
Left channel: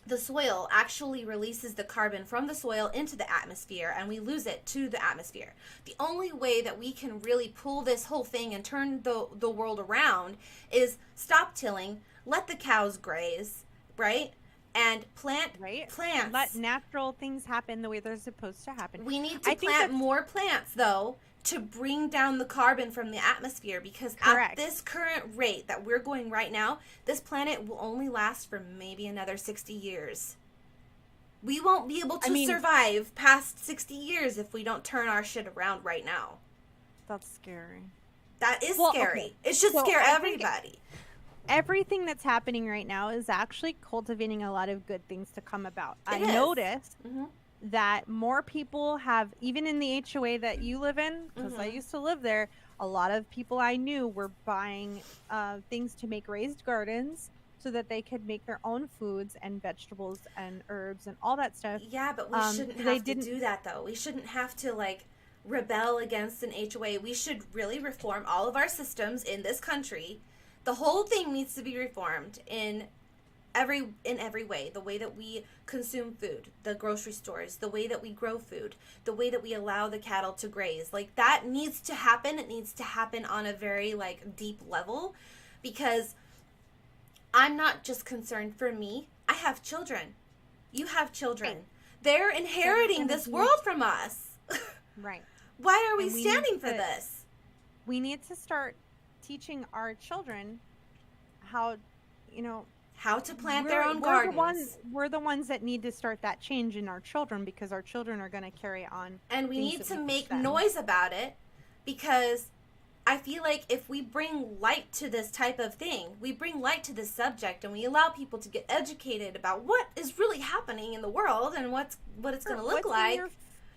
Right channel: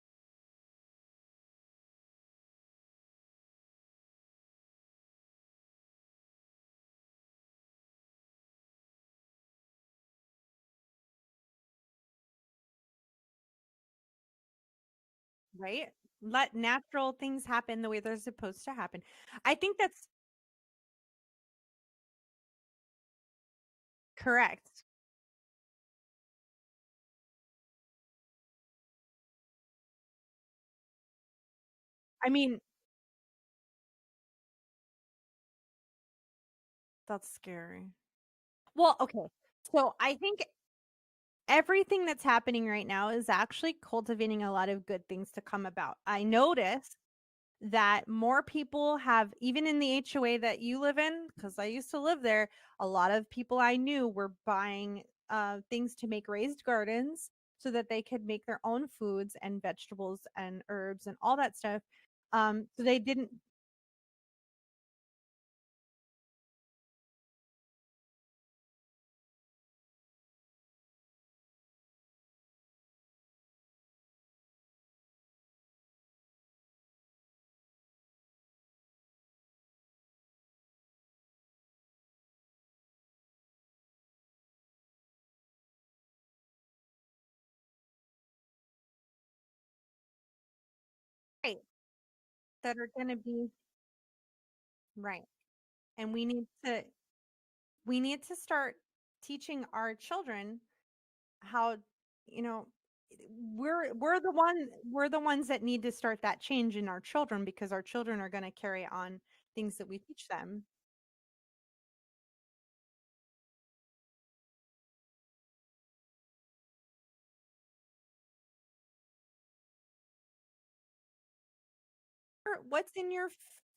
the soil actually releases the carbon from the soil into the atmosphere, and we lose it to the atmosphere. The only way that we can really pull this whole thing and turn the world around is stop tilling, let the cows graze, right? And plant plants. Let natural things happen the way they're supposed to happen. We need to plant more plants, though, to bring down the carbon from the atmosphere, because at this current rate that we're going right now, this planet will only last for maybe another 60 years. We won't be able to survive past 60 years if we don't turn our shit around right now. That's scary. That is scary. Okay. It should scare everybody. Everything that's happening right now is actually cultivating a lot of good things to come about. I noticed that more people have, even in the HOA that you live in, because I used to live there, a lot of people I knew were buying things to make raised gardens so that they could make their own foods and vegetables and herbs and all that stuff. Yeah, but we shouldn't have to do that, though. We shouldn't have to, like, rebel against an HOA. We should really reform all of our systems in this country. The whole thing needs to be reformed in every way. The way that we consume food, the grocery stores, the way that we grow food, the way that we allow the cattle to graze. Like, that needs to happen. It needs to happen on a very, like, deep level, because I'm not just concerned for me. I have children. You have children. Right. They're inheriting this world from us. Right. Why are we standing for this? We need to start teaching our children how to plant their own gardens. We're the ones that need to start that change in our children, because our children are going to carry on. And we need to make noise about it, because I feel like if we bring light to this type of thing, we bring light to this subject, and we allow people to get educated about what is really happening in the world and what it's going to look like. What's in your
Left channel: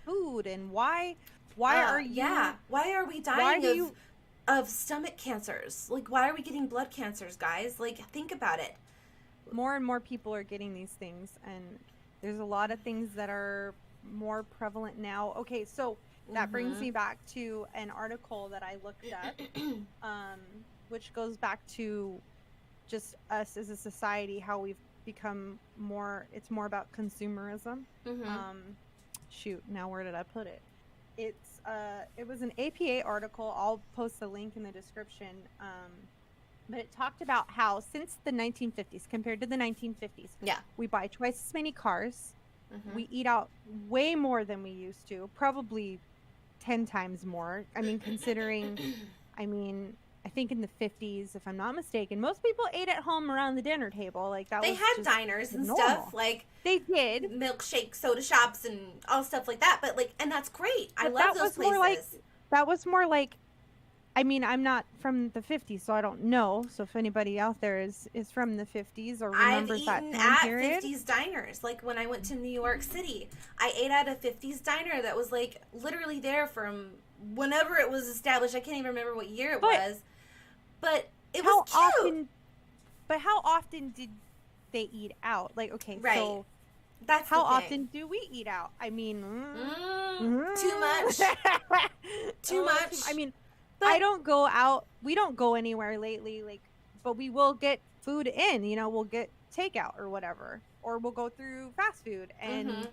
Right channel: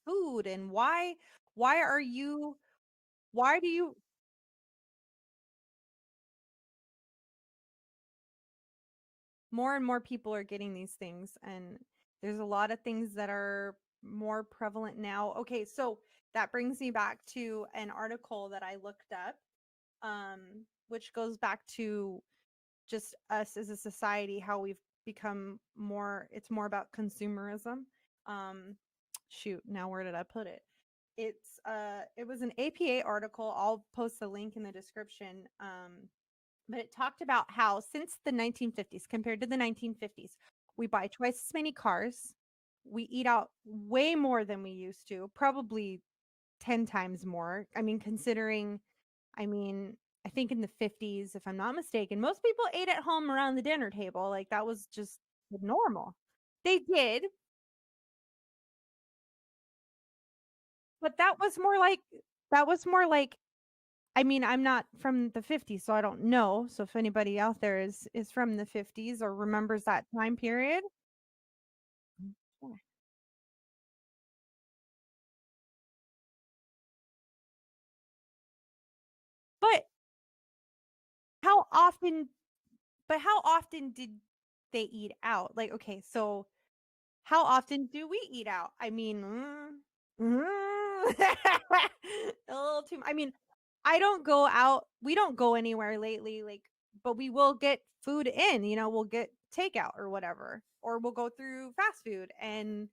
food, and why are you? Yeah. Why are we dying of stomach cancers? Like, why are we getting blood cancers, guys? Like, think about it. More and more people are getting these things, and there's a lot of things that are more prevalent now. Okay, so that brings me back to an article that I looked up, which goes back to just us as a society, how we've become it's more about consumerism. Shoot, now where did I put it? It was an APA article. I'll post the link in the description. But it talked about how since the 1950s, compared to the 1950s, we buy twice as many cars. We eat out way more than we used to, probably 10 times more. I mean, considering, I think in the 50s, if I'm not mistaken, most people ate at home around the dinner table. Like, that was just diners and normal stuff. Like, they did milkshake soda shops and all stuff like that. But like, and that's great. But I love those places. That was more like. I mean, I'm not from the 50s, so I don't know. So if anybody out there is from the 50s or remembers that time period. 50s diners. Like, when I went to New York City, I ate at a 50s diner that was like literally there from whenever it was established. I can't even remember what year it was. But it was cute. How often did they eat out? Like, okay, so that's how often do we eat out? I mean, too much. Too much. I mean, I don't go out. We don't go anywhere lately, like, but we will get food in, we'll get takeout or whatever, or we'll go through fast food. And,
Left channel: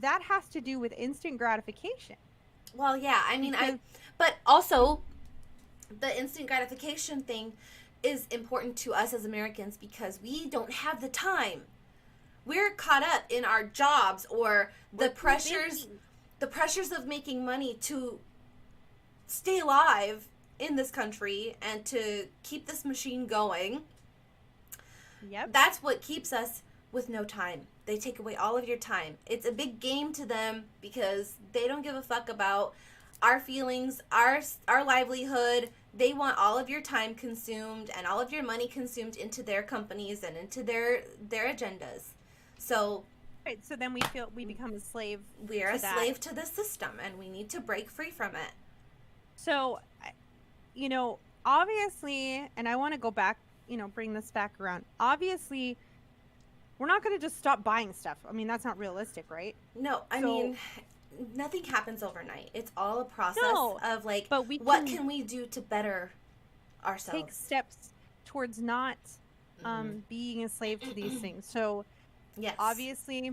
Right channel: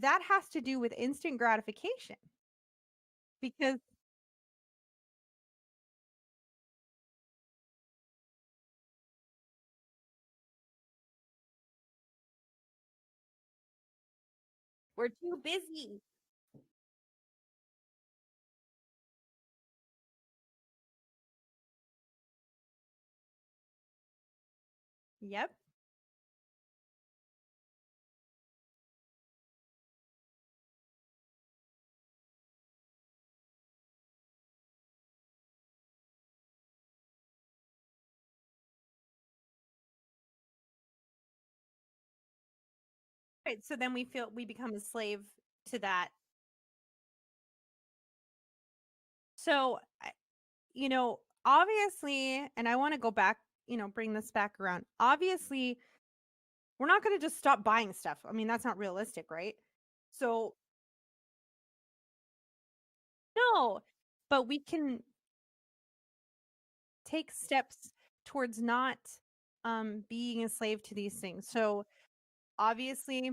that has to do with instant gratification. Well, yeah, I mean, but also the instant gratification thing is important to us as Americans because we don't have the time. We're caught up in our jobs or the pressures of making money to stay alive in this country and to keep this machine going. Yep. That's what keeps us with no time. They take away all of your time. It's a big game to them because they don't give a fuck about our feelings, our livelihood. They want all of your time consumed and all of your money consumed into their companies and into their agendas. So right, so then we become a slave. We are a slave to the system, and we need to break free from it. So you know, obviously, and I want to go back, you know, bring this back around. Obviously, we're not going to just stop buying stuff. I mean, that's not realistic, right? No, I So, mean, nothing happens overnight. It's all a process no, of like, but we what can can we do to better take ourselves? steps towards not being a slave to these things. So, Yes. obviously,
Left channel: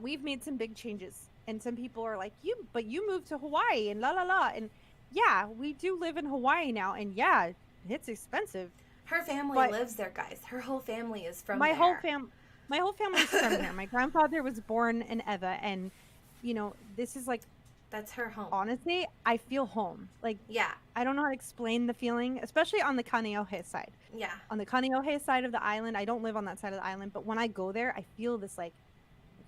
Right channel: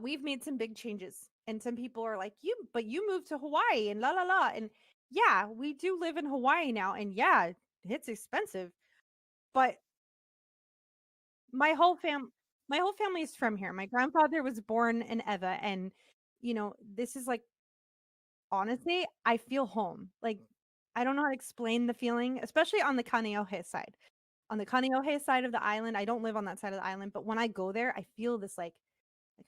we've made some big changes, and some people are like, but you moved to Hawaii and la la la. And yeah, we do live in Hawaii now, and yeah, it's expensive. Her family But lives there, guys. Her whole family is from my whole there. my whole family's from here. My grandfather was born in Eva, and you know, this is like, That's her home. honestly, I feel home. Like, Yeah. I don't know how to explain the feeling, especially on the Kaneohe side. Yeah. On the Kaneohe side of the island, I don't live on that side of the island, but when I go there, I feel this like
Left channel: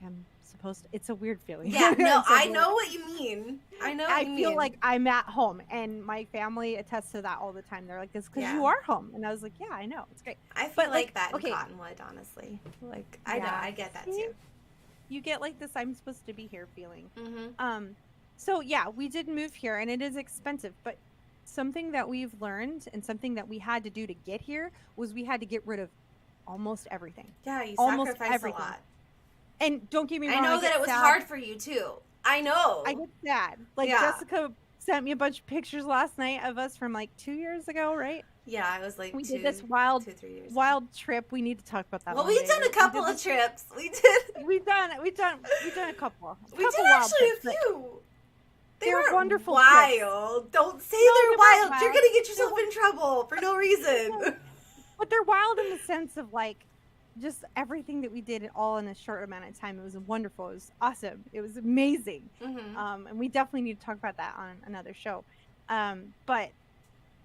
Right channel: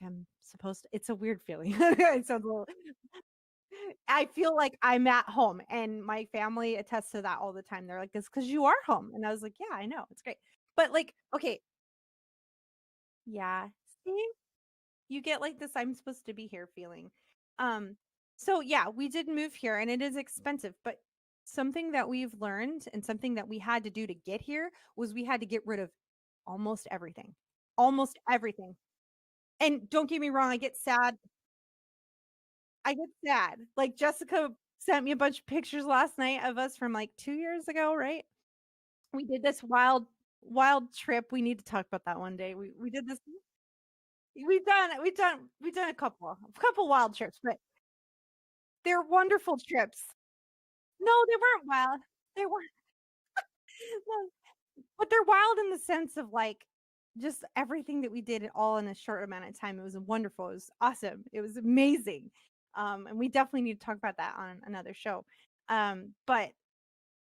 I'm supposed to. It's a weird feeling. Yeah, no, It's a I weird- know what you mean. I know what I you feel mean. like I'm at home, and my family attests to that all the time. They're like, "It's because you Yeah. are home," and I was like, "Yeah, I know, it's great." I feel but, like like, that in okay. Cottonwood, honestly. Like, I know, Yeah. I get that See? too. You get like this "I'm supposed to be here" feeling. Mm-hmm. So yeah, we did move here, and it is expensive, but something that we've learned and something that we had to do to get here was we had to get rid of almost everything. Yeah, you Almost sacrifice everything. a lot. And don't get me wrong, I know I get that it was sad. hard for you too. I know. I get sad. Like, Yeah. Jessica sent me a bunch of pictures last night of us from like 2 years ago, right? Yeah, I was like We two, did this 3 years. wild trip. We need to talk about that Well, one we've day. done a We couple did of this- trips. We did. We've done a couple. We did wild actually trips. a few. They're weren't wonderful trips. wild. Don't say No, they're they weren't wild. You're wild. gonna get They're yourself in trouble for no reason. But they're wild in the sense of like just everything that we did all in a short amount of time. It was wonderful. It was awesome. It was amazing. Mm-hmm. And we definitely need to talk about that on another show. But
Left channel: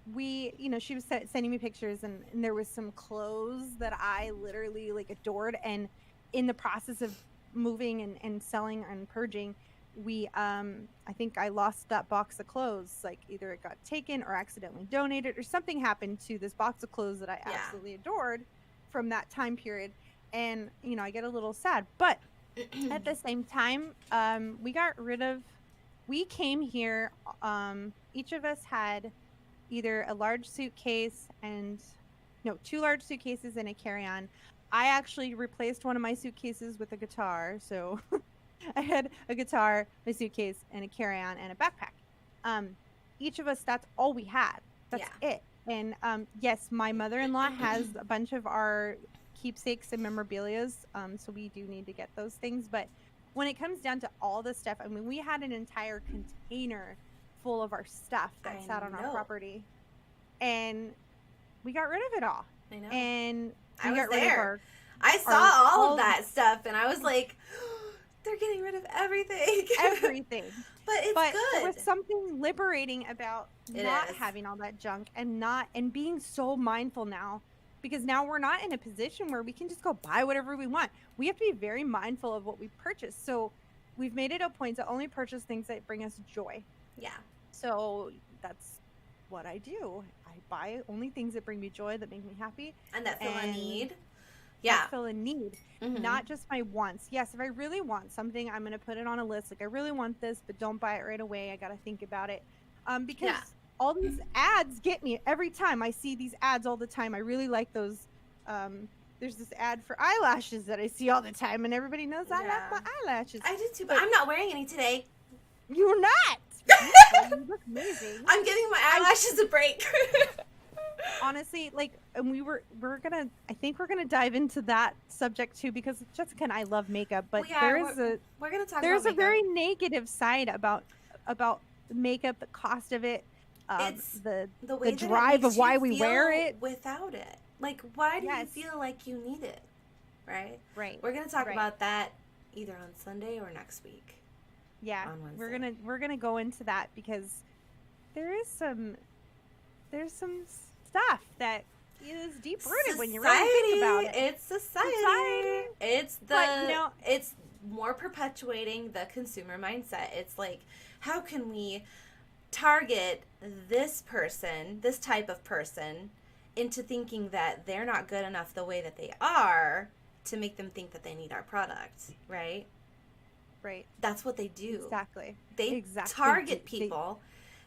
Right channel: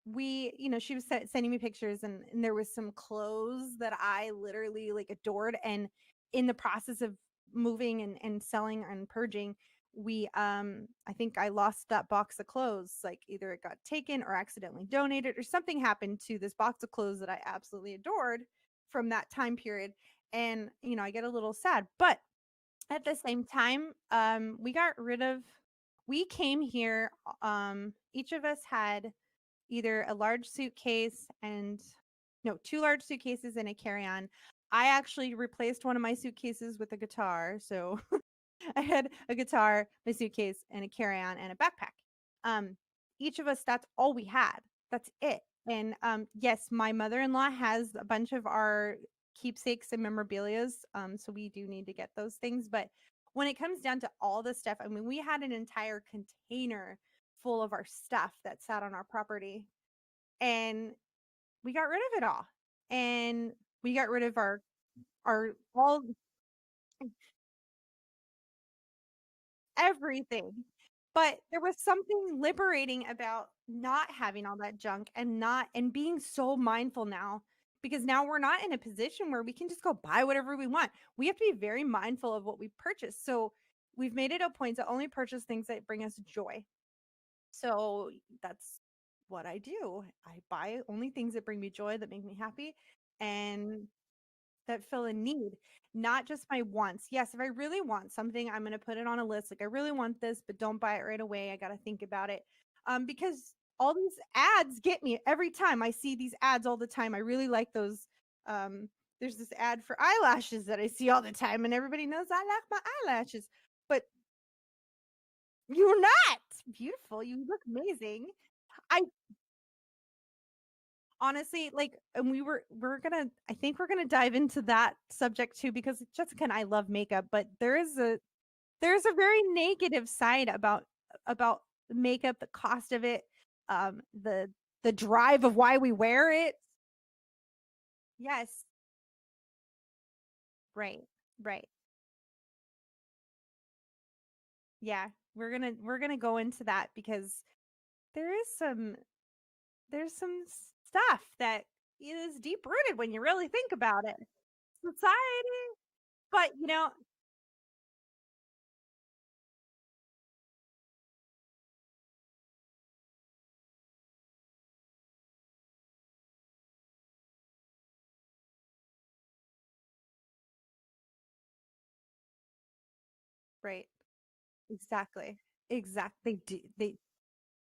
we, you know, she was sending me pictures, and there was some clothes that I literally like adored. And in the process of moving and selling and purging, we I think I lost that box of clothes. Like, either it got taken or accidentally donated, or something happened to this box of clothes that I Yeah. absolutely adored from that time period. And you know, I get a little sad, but at the same time, we came here, each of us had either a large suitcase and no, 2 large suitcases and a carry-on. I actually replaced one of my suitcases with a guitar, so I had a guitar, a suitcase, and a carry-on and a backpack. Each of us, that's all we had. That's it. And yes, my mother-in-law has a bunch of our keepsakes and memorabilias, so we do need to get those things. But when it comes down to all the stuff, I mean, we had an entire container full of our stuff that sat on our property, and we got rid of it all. I know. And we I got was rid of there. I saw our- all of that stuff, and I was like, they're getting rid of everything. everything. But good. There was something liberating about It not is. having all that junk and being so mindful now, because now we're not in a position where we can just go buy whatever we want. We have to be very mindful of what we purchase. So we've made it a point to only purchase things that bring us joy. Yeah. So that's what I do. I buy only things that bring me joy, that make me happy, And that fill a and need. Yeah. that fill a need. Mhm. Not just my wants. Yes, if I really want something, I'm going to put it on a list. Like, I really want this, but don't buy it right away. I got to think about it. Because all these ads get me every time. I see these ads all the time. I really like those. There's this ad for eyelashes that I see all the time, and everybody knows I love my eyelashes. I did too, but I'm not wearing any today. You're not. Beautiful. You look amazing. I'm giving my eyelashes a break. Honestly, like, and I think we're gonna dive into that subject too, because Jessica and I love makeup, but we're gonna talk there's about a very negative side about makeup, the cost of it, It's the way that it drive of makes why you we wear feel it without it. Like, why do you Yes. feel like you need it? Right? right. We're gonna talk Right. about that either on Sunday or next week. Yeah, on we're Wednesday. gonna go into that, because there's some stuff that is deep rooted when you really think about it. It's society. It's But, you know, it's more perpetuating the consumer mindset. It's like, how can we target this person, this type of person, into thinking that they're not good enough the way that they are, to make them think that they need our product, right? Right. That's what they do. Exactly. They Exactly. target They- people.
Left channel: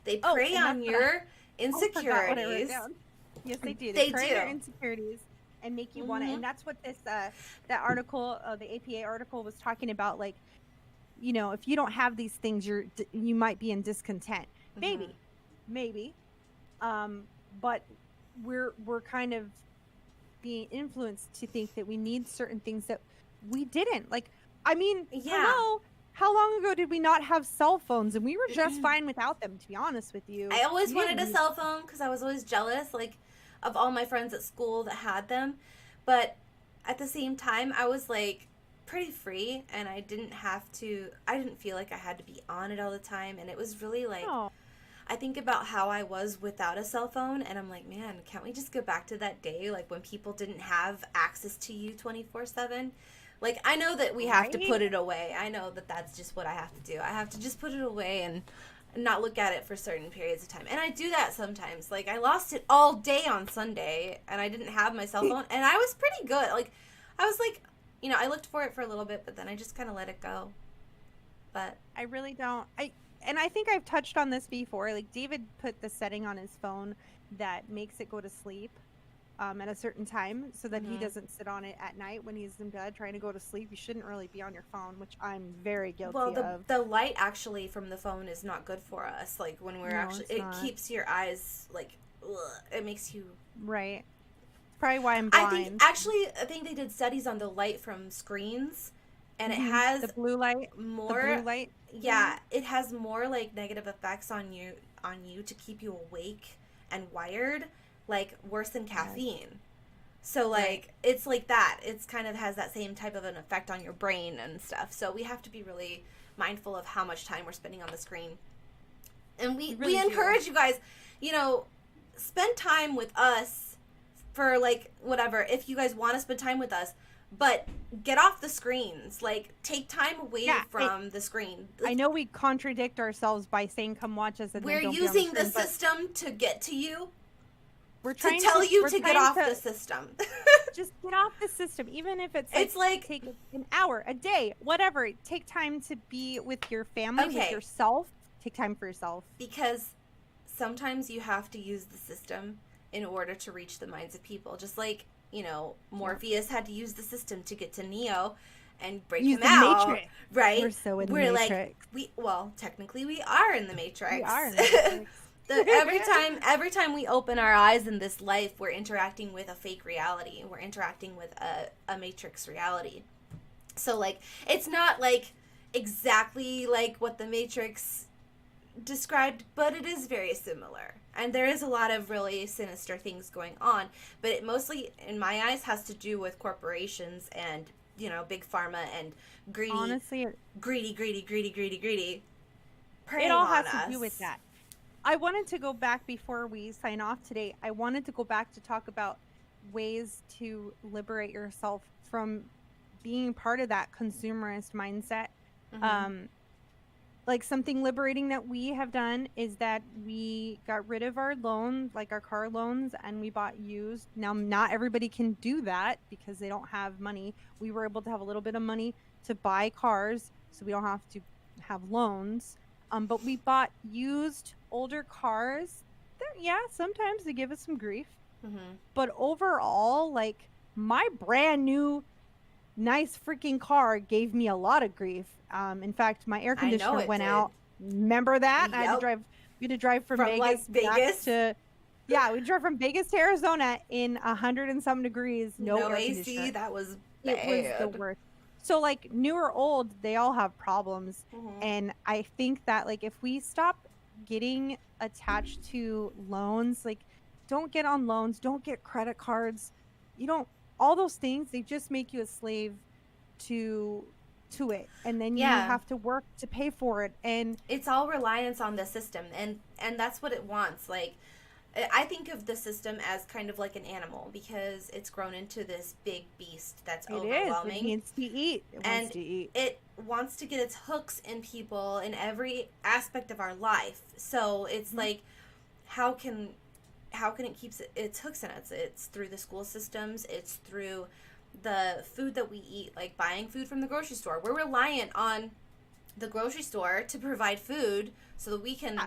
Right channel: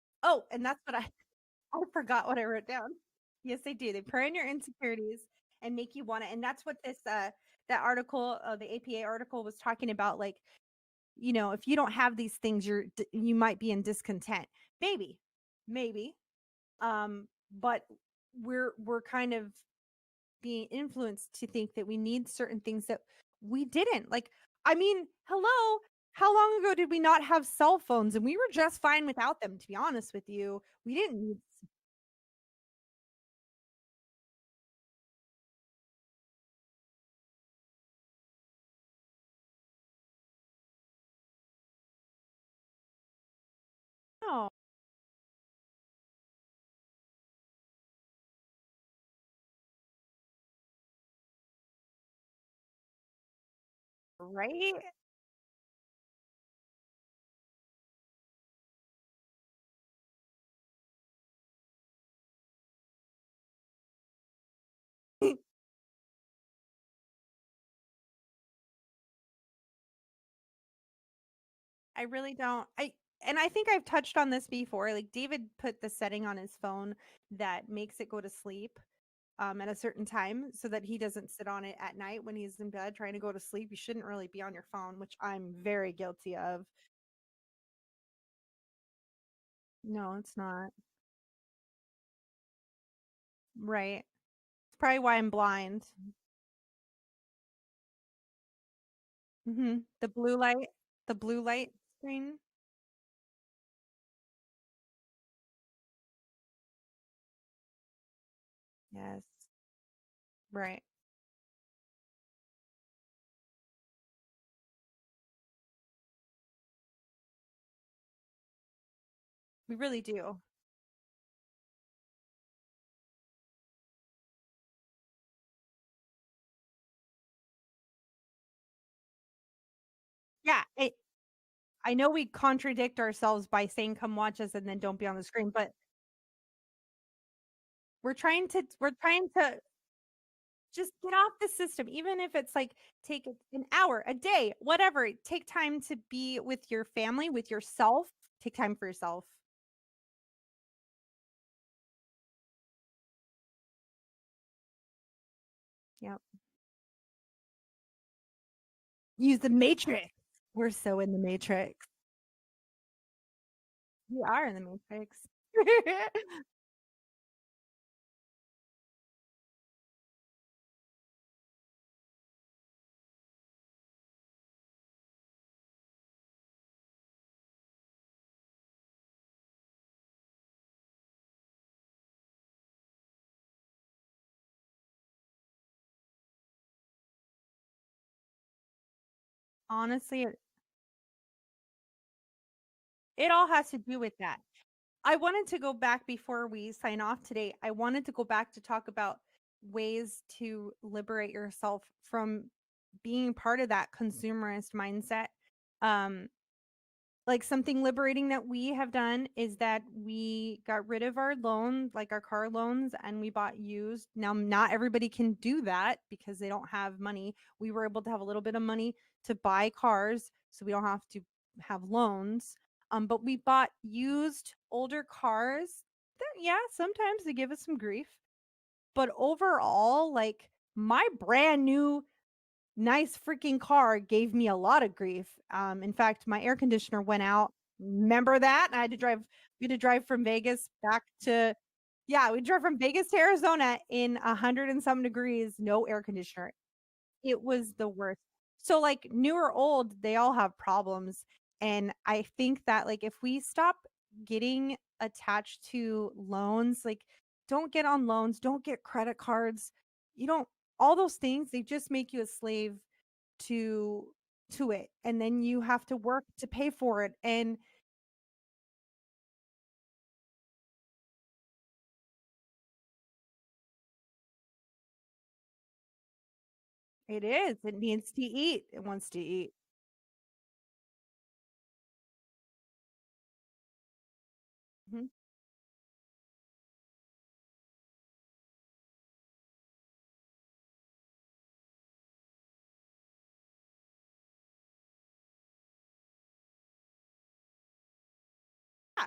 They Oh, prey and on that's what I forgot what I wrote insecurities. down. Yes, they do. They They create our do. insecurities and make you want it. Hmm. And that's what this that article, the APA article, was talking about. Like, if you don't have these things, you might be in discontent. Hmm. Maybe. But we're kind of being influenced to think that we need certain things that we didn't. Like, I mean, Yeah. hello, how long ago did we not have cell phones? And we were just fine without them, to be honest with you. I always We wanted didn't a cell phone because I was always jealous, like, of all my friends at school that had them. But at the same time, I was like pretty free, and I didn't have to. I didn't feel like I had to be on it all the time, and it was really like. know. I think about how I was without a cell phone, and I'm like, man, can't we just go back to that day, like when people didn't have access to you 24/7? Like, I know that we have to Right? put it away. I know that that's just what I have to do. I have to just put it away and not look at it for certain periods of time. And I do that sometimes. Like, I lost it all day on Sunday, and I didn't have my cell phone, and I was pretty good. Like, I was like, I looked for it for a little bit, but then I just kind of let it go. But I really don't. I think I've touched on this before. Like, David put the setting on his phone that makes it go to sleep at a certain time so that he Mhm. doesn't sit on it at night when he's in bed trying to go to sleep. You shouldn't really be on your phone, which I'm very well, guilty the of. the light actually from the phone is not good for us. Like when we're No, actually, it's it not. keeps your eyes like, ugh, it makes you. Right. It's probably why I'm blind. I think they did studies on the light from screens, and it Hmm. has The blue light. The more. blue light. Yeah, it has more like negative effects on you to keep you awake and wired, like worse than Yes. caffeine. So like Right. it's like that. It's kind of has that same type of an effect on your brain and stuff. So we have to be really mindful of how much time we're spending on the screen. And We we really do. encourage you guys, spend time with us for like whatever if you guys want to spend time with us, but get off the screens. Like take time away Yeah. from the screen. I know we contradict ourselves by saying "come watch us" and then We're don't be on the using the screen, but system to get to you, we're to trying tell you we're to get trying off to the system. just get off the system, even if it's like, It's like, take an hour, a day, whatever. Take time to be with your family, with okay, yourself. Take time for yourself. because sometimes you have to use the system in order to reach the minds of people. Just like, Morpheus had to use the system to get to Neo and break Use him the out, Matrix. right? We're so in the Matrix. Technically we are in the Matrix. We are in the Matrix. Every time we open our eyes in this life, we're interacting with a fake reality. We're interacting with a Matrix reality. So like, it's not like exactly like what the Matrix described, but it is very similar. And there is a lot of really sinister things going on, but it mostly, in my eyes, has to do with corporations and, big pharma and greedy, Honestly, greedy. it all has to do with that. I wanted to go back before we sign off today. I wanted to go back to talk about ways to liberate yourself from being part of that consumerist mindset. Mm-hmm. Like something liberating that we have done is that we got rid of our loans, like our car loans, and we bought used. Now, not everybody can do that because they don't have money. We were able to have a little bit of money to buy cars, so we don't have to have loans. But we bought used older cars. Yeah, sometimes they give us some grief. Mm-hmm. But overall, like my brand new nice freaking car gave me a lot of grief. In fact, my air conditioner went out. Remember that? Yep. I had to drive. We had to drive from Vegas, like, back to. Yeah, we drove from Vegas to Arizona in 100 and some degrees. No air AC, conditioner. that was bad. It was the worst. So like new or old, they all have problems. Mm-hmm. And I think that like if we stop getting attached to loans, like don't get on loans, don't get credit cards. You don't. All those things, they just make you a slave to it, and then you have to work to pay for it, and it's all reliance on the system, and that's what it wants. Like, I think of the system as kind of like an animal because it's grown into this big beast that's overwhelming. It needs to eat. It wants to get its hooks in people in every aspect of our life. So it's like, how can it keep its hooks in us? It's through the school systems. It's through the food that we eat, like buying food from the grocery store. We're reliant on the grocery store to provide food so that we can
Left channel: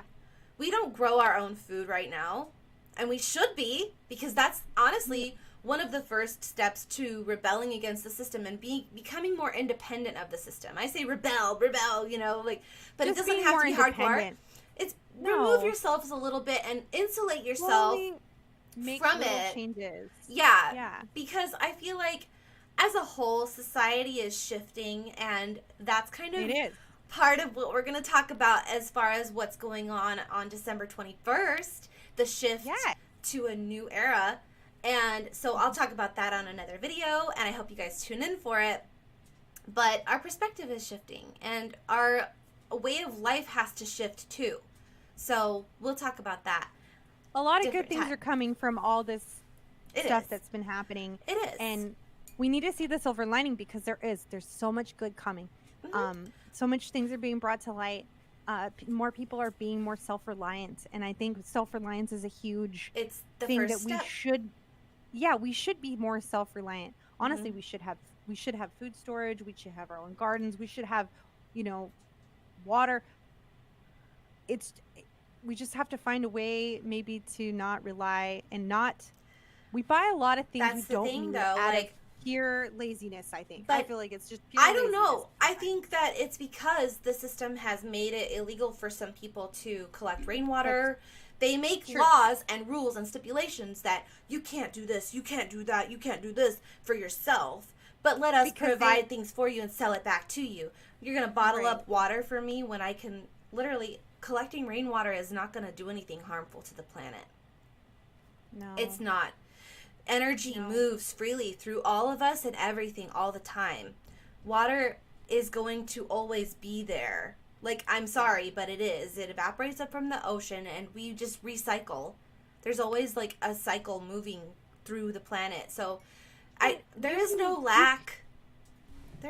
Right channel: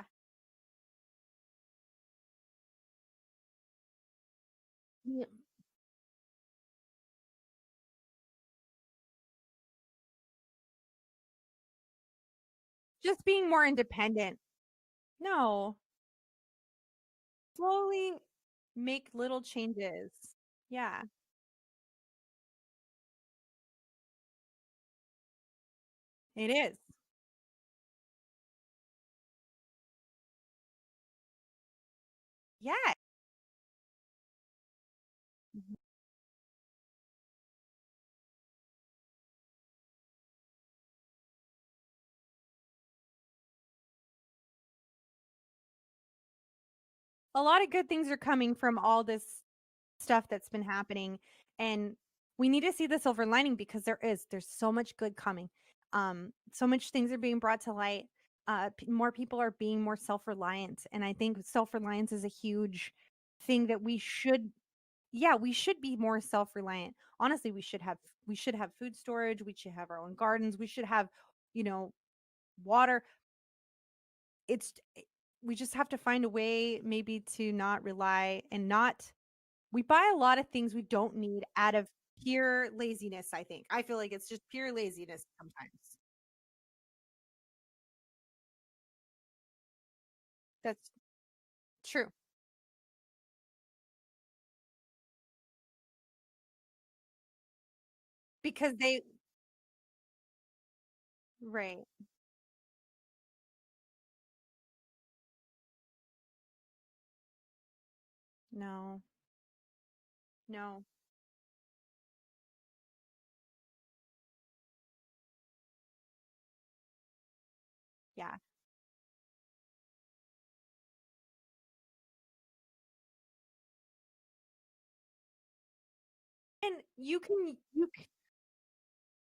we don't grow our own food right now, and we should be, because that's honestly one of the first steps to rebelling against the system and becoming more independent of the system. I say rebel, you know, like, but Just it doesn't being have more to be independent. hardcore. It's No. remove yourselves a little bit and insulate yourself Slowly make from little it. changes. Yeah. Because I feel like as a whole, society is shifting, and that's kind of It is. part of what we're going to talk about as far as what's going on December 21st, the shift to a new era. And so I'll talk about that on another video, and I hope you guys tune in for it. But our perspective is shifting, and our way of life has to shift too. So we'll talk about that. A lot of good things are coming from all this stuff is. that's been happening. It is. And we need to see the silver lining, because there's so much good coming. So much things are being brought to light. More people are being more self-reliant, and I think self-reliance is a huge thing that we should be more self-reliant. Honestly, we should have food storage, we should have our own gardens, we should have, you know, water. We just have to find a way maybe to not rely we buy a lot of things we don't need out of pure laziness, I think. I feel like it's just pure laziness. I don't know. I think that it's because the system has made it illegal for some people to collect rainwater. They make laws and rules and stipulations that you can't do this, you can't do that, you can't do this for yourself, but let us provide things for you and sell it back to you. You're going to bottle up water for me when I can literally, collecting rainwater is not going to do anything harmful to the planet. No. It's not. Energy moves freely through all of us and everything all the time. Water is going to always be there. Like, I'm sorry, but it is. It evaporates up from the ocean, and we just recycle. There's always, like, a cycle moving through the planet. So, there is no lack.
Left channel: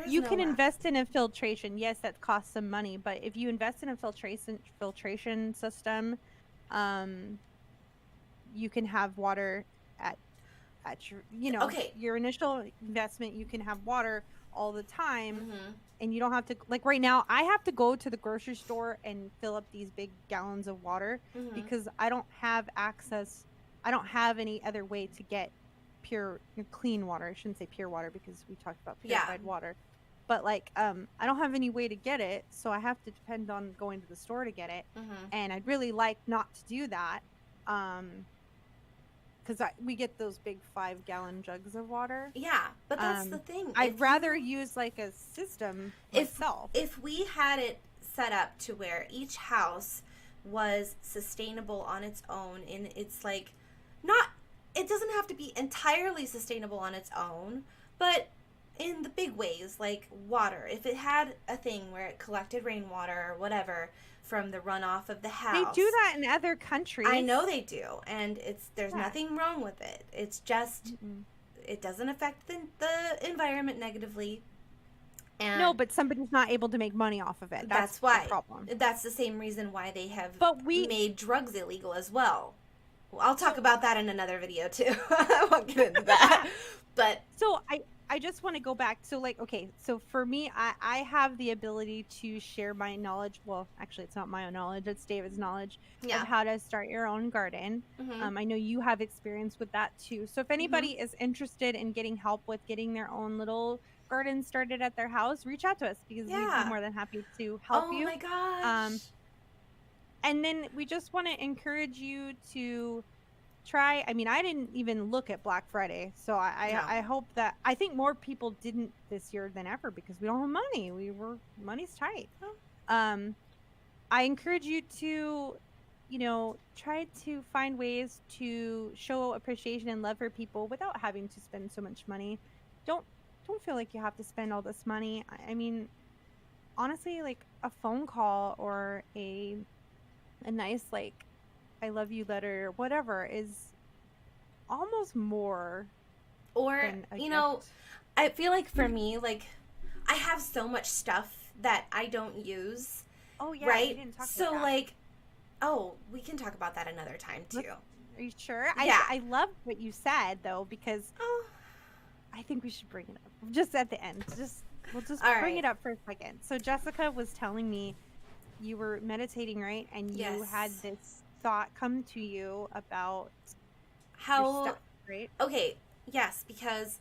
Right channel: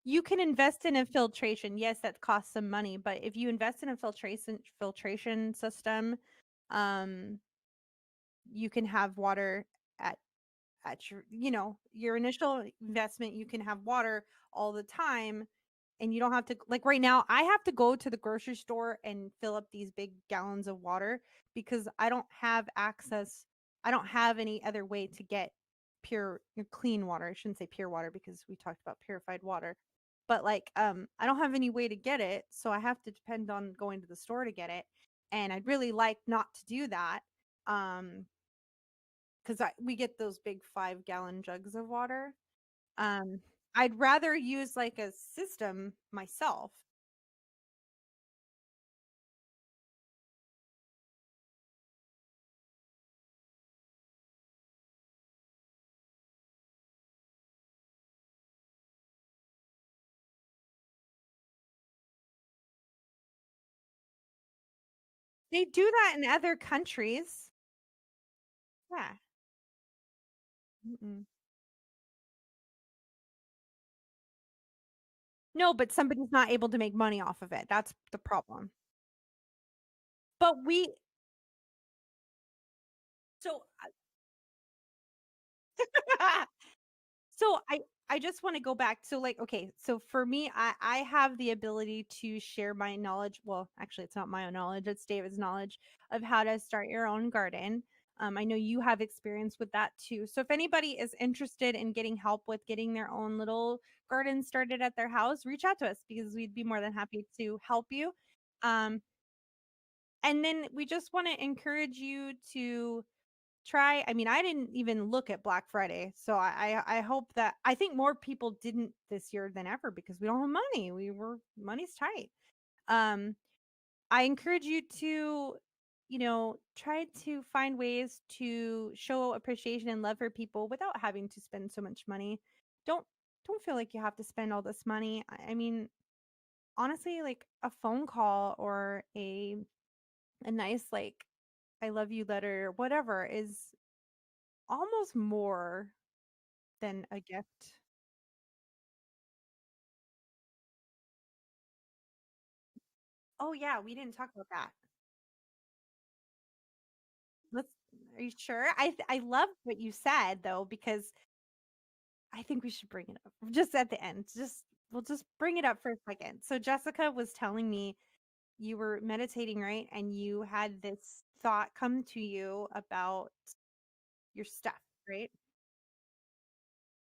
You can invest in a filtration. Yes, that costs some money, but if you invest in a filtration system, you can have water at your, you know, your initial investment. You can have water all the time, and you don't have to, like right now, I have to go to the grocery store and fill up these big gallons of water because I don't have access. I don't have any other way to get pure, clean water. I shouldn't say pure water because we talked about purified water, but like, I don't have any way to get it. So I have to depend on going to the store to get it. And I'd really like not to do that. Because we get those big 5-gallon jugs of water. Yeah, but that's the thing. I'd rather use like a system myself. If we had it set up to where each house was sustainable on its own, and it's like it doesn't have to be entirely sustainable on its own, but in the big ways, like water. If it had a thing where it collected rainwater or whatever from the runoff of the house. They do that in other countries. I know they do, and there's nothing wrong with it. It's just it doesn't affect the environment negatively. And no, but somebody's not able to make money off of it. That's why the problem. That's the same reason why they have made drugs illegal as well. I'll talk about that in another video too. I won't get into that. But so I just want to go back. So like, okay, so for me, I have the ability to share my knowledge. Well, actually, it's not my own knowledge. It's David's knowledge of how to start your own garden. I know you have experience with that too. So if anybody is interested in getting help with getting their own little garden started at their house, reach out to us because we'd be more than happy to help you. Oh my gosh. And then we just want to encourage you to try. I mean, I didn't even look at Black Friday, so I hope that, I think more people didn't this year than ever because we don't have money. Money's tight. I encourage you to, you know, try to find ways to show appreciation and love for people without having to spend so much money. Don't feel like you have to spend all this money. I mean, honestly, like a phone call or a nice, like, I love you letter or whatever is almost more than a gift. Know, I feel like for me, like, I have so much stuff that I don't use. Oh yeah, right? We didn't talk about so that. Like, we can talk about that another time too. Are you sure? Yeah. I love what you said though, because I think we should bring it up just at the end. We'll just bring it up for a second. So Jessica was telling me you were meditating, right? And you Yes. had this thought come to you about your How, stuff, right? okay, yes, because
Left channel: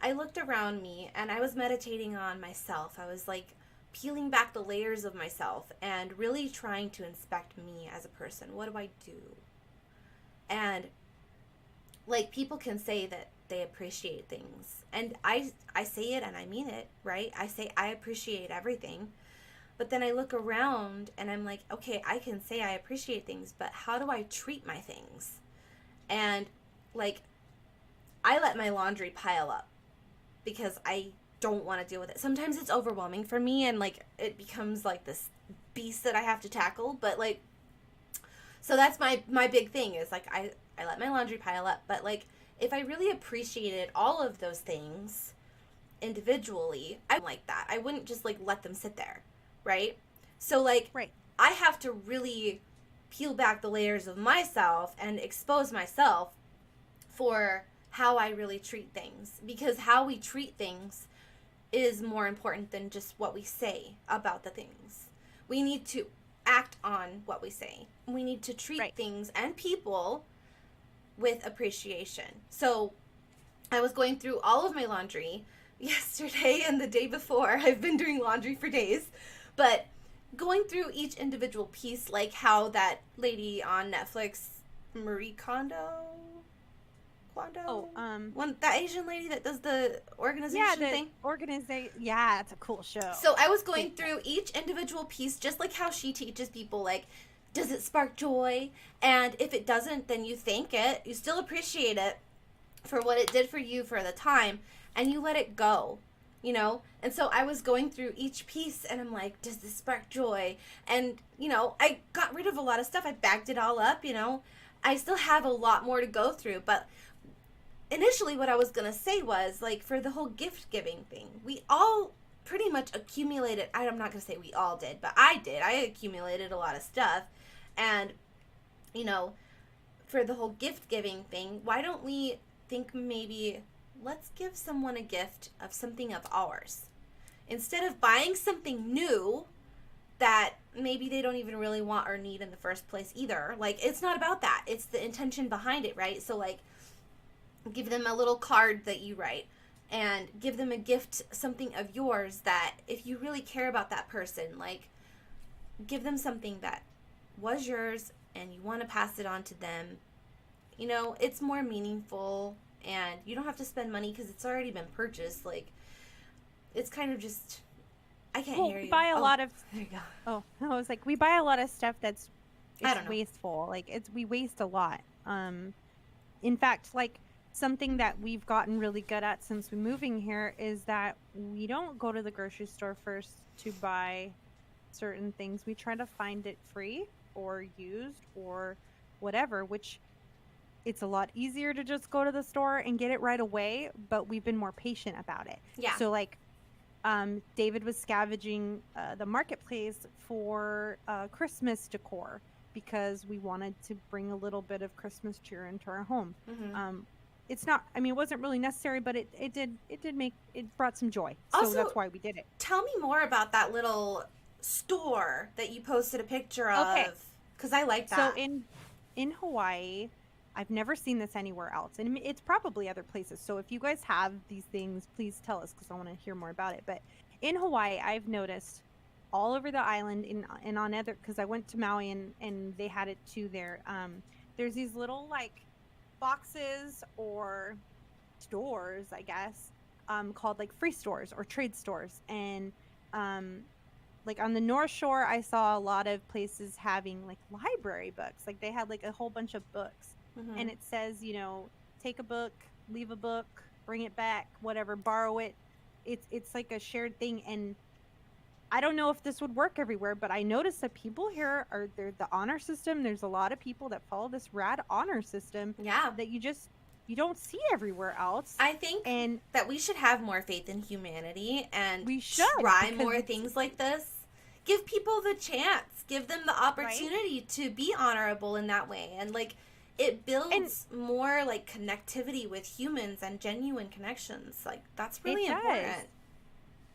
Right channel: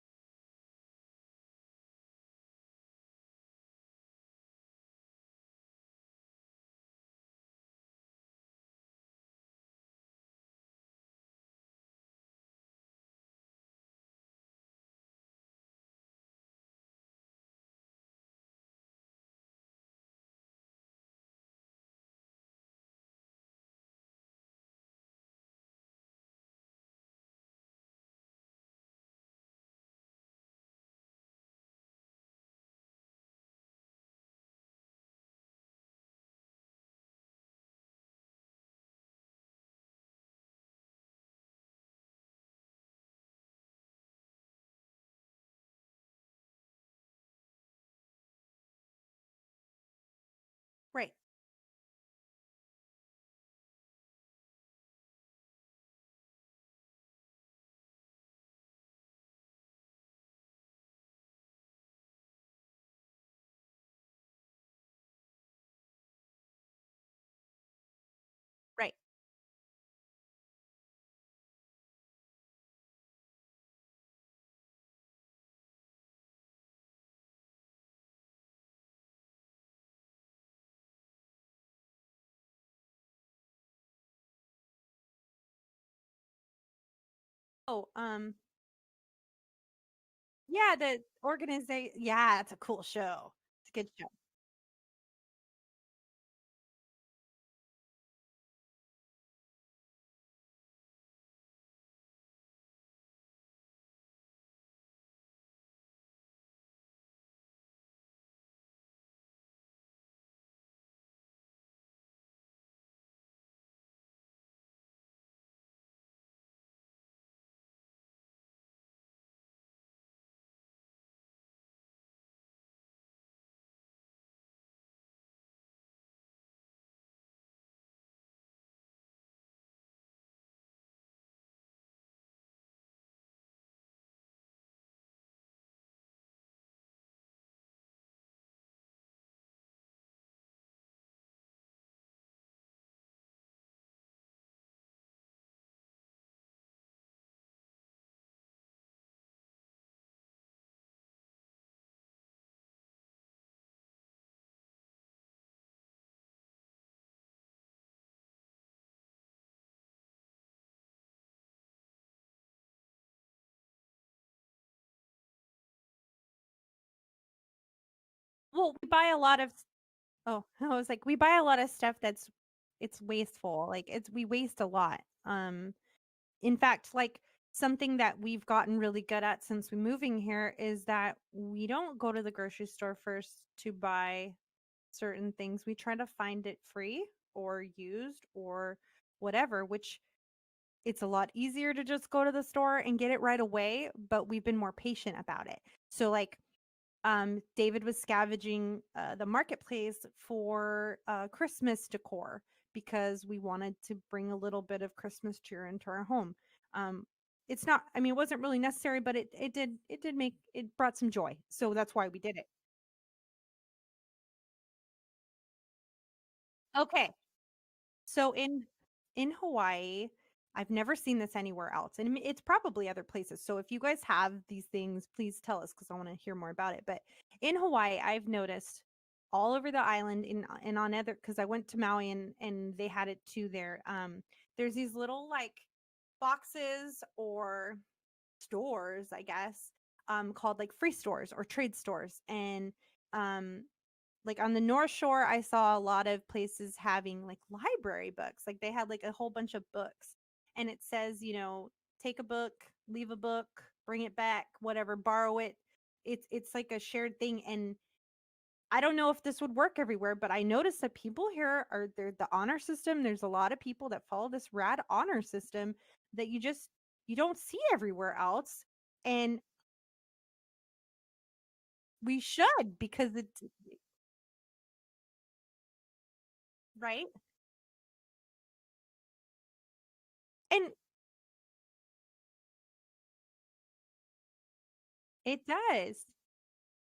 I looked around me and I was meditating on myself. I was like peeling back the layers of myself and really trying to inspect me as a person. What do I do? And like people can say that they appreciate things. And I say it and I mean it, right? I say I appreciate everything. But then I look around and I'm like, okay, I can say I appreciate things, but how do I treat my things? And like I let my laundry pile up because I don't want to deal with it. Sometimes it's overwhelming for me and like it becomes like this beast that I have to tackle, but like so that's my big thing is like I let my laundry pile up, but like if I really appreciated all of those things individually, I'm like that. I wouldn't just like let them sit there, right? So like Right. I have to really peel back the layers of myself and expose myself for how I really treat things, because how we treat things is more important than just what we say about the things. We need to act on what we say. We need to treat Right. things and people with appreciation. So I was going through all of my laundry yesterday and the day before. I've been doing laundry for days, but going through each individual piece, like how that lady on Netflix, Marie Kondo, that Asian lady that does the organization thing. Yeah, it's a cool show. So I was going through each individual piece, just like how she teaches people, like, does it spark joy? And if it doesn't, then you thank it. You still appreciate it for what it did for you for the time, and you let it go, you know? And so I was going through each piece, and I'm like, does this spark joy? And, you know, I got rid of a lot of stuff. I bagged it all up, you know? I still have a lot more to go through, but initially what I was going to say was, like, for the whole gift-giving thing, we all pretty much accumulated, I'm not going to say we all did, but I did. I accumulated a lot of stuff, and, you know, for the whole gift-giving thing, why don't we think maybe let's give someone a gift of something of ours instead of buying something new that maybe they don't even really want or need in the first place either. Like, it's not about that. It's the intention behind it, right? So, like, give them a little card that you write and give them a gift, something of yours that if you really care about that person, like, give them something that was yours and you want to pass it on to them. You know, it's more meaningful and you don't have to spend money because it's already been purchased. Like, it's kind of just, I can't hear you. We buy a lot of, there you go. oh, I was like, we buy a lot of stuff that's, I it's don't know. wasteful. Like, we waste a lot. In fact, like, something that we've gotten really good at since we moving here is that we don't go to the grocery store first to buy certain things. We try to find it free or used or whatever, which it's a lot easier to just go to the store and get it right away, but we've been more patient about it. Yeah. So like David was scavenging the marketplace for Christmas decor because we wanted to bring a little bit of Christmas cheer into our home. Mm-hmm. It's not, I mean, it wasn't really necessary, but it brought some joy. So Also, that's why we did it. Tell me more about that little store that you posted a picture of. Okay. Because I like that. So in Hawaii, I've never seen this anywhere else. And it's probably other places. So if you guys have these things, please tell us because I want to hear more about it. But in Hawaii, I've noticed all over the island and on other, because I went to Maui and they had it too there. There's these little like boxes or stores, I guess, called like free stores or trade stores. And like on the North Shore, I saw a lot of places having like library books. Like they had like a whole bunch of books. Mm-hmm. And it says, you know, take a book, leave a book, bring it back, whatever, borrow it. It's like a shared thing. And I don't know if this would work everywhere, but I noticed that people here are the honor system. There's a lot of people that follow this rad honor system. Yeah. That you don't see everywhere else. I think that we should have more faith in humanity and we should try more things like this. Give people the chance. Give them the opportunity to be honorable in that way. And like it builds more like connectivity with humans and genuine connections. Like that's really important.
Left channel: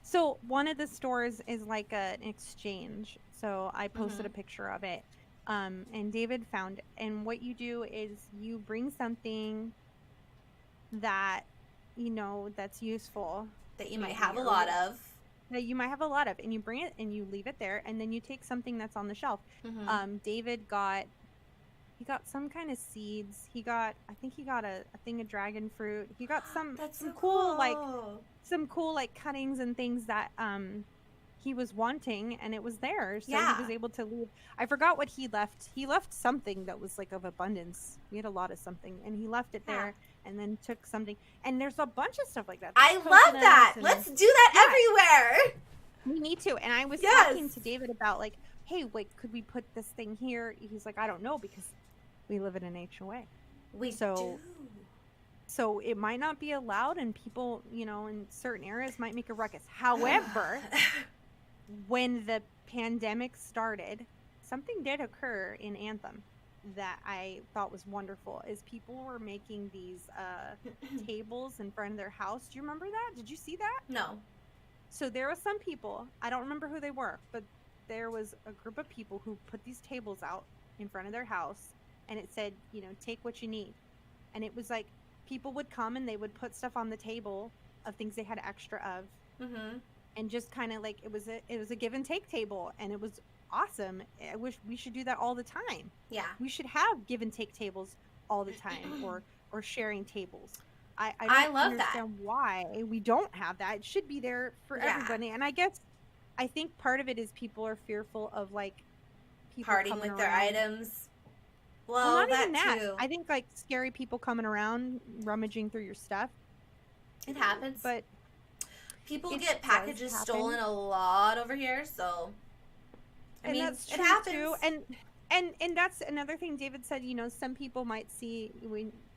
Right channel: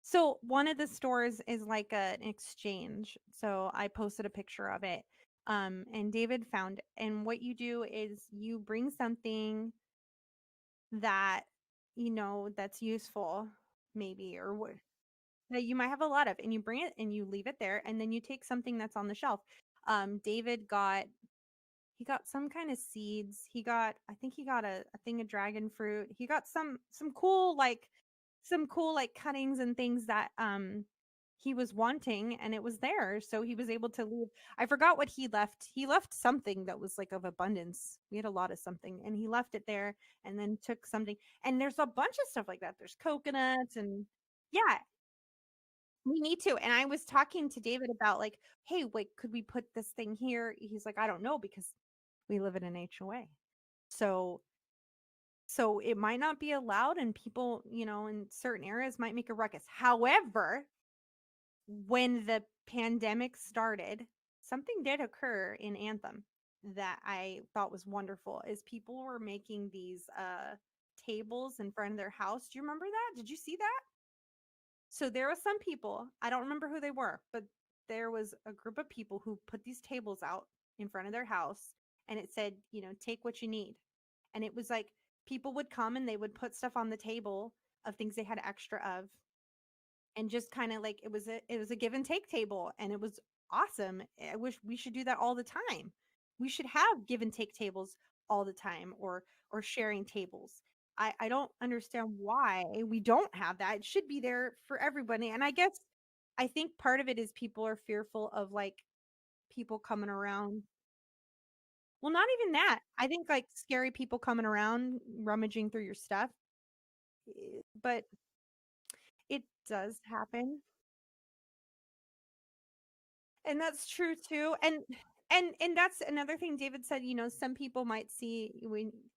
So one of the stores is like an exchange. So I posted a Mm-hmm. picture of it. And David found it. And what you do is you bring something that, that's useful, That you might have maybe, a or lot what of. that you might have a lot of, and you bring it and you leave it there, and then you take something that's on the shelf. Mm-hmm. David he got some kind of seeds. I think he got a thing of dragon fruit. He got That's so some cool cool. cuttings and things that he was wanting, and it was there, so he Yeah. was able to leave. I forgot what he left. He left something that was like of abundance. We had a lot of something, and he left it Yeah. there, and then took something. And there's a bunch of stuff like that. There's I love that. coconuts and Let's do that yeah, everywhere. we need to. And I was Yes. talking to David about like, hey, wait, could we put this thing here? He's like, I don't know, because we live in an HOA. We So do. so it might not be allowed, and people, in certain areas might make a ruckus. However, when the pandemic started, something did occur in Anthem that I thought was wonderful, is people were making these tables in front of their house. Do you remember that? Did you see that? No. So there was some people, I don't remember who they were, but there was a group of people who put these tables out in front of their house, and it said, take what you need. And it was like people would come and they would put stuff on the table of things they had extra of, Mm-hmm. and just kind of like it was a give and take table, and it was awesome. I wish we should do that all the time. Yeah. We should have give and take tables all the time, or sharing tables. I don't love understand why we don't have that. It should be there for Yeah. everybody. And I think part of it is people are fearful of like people Partying coming with their around. items. Well, not even that. Too. I think like scary people coming around rummaging through your stuff. It happens. But people it get does packages happen. stolen a lot over here, so I mean, that's it true happens. too. And that's another thing David said, some people might see,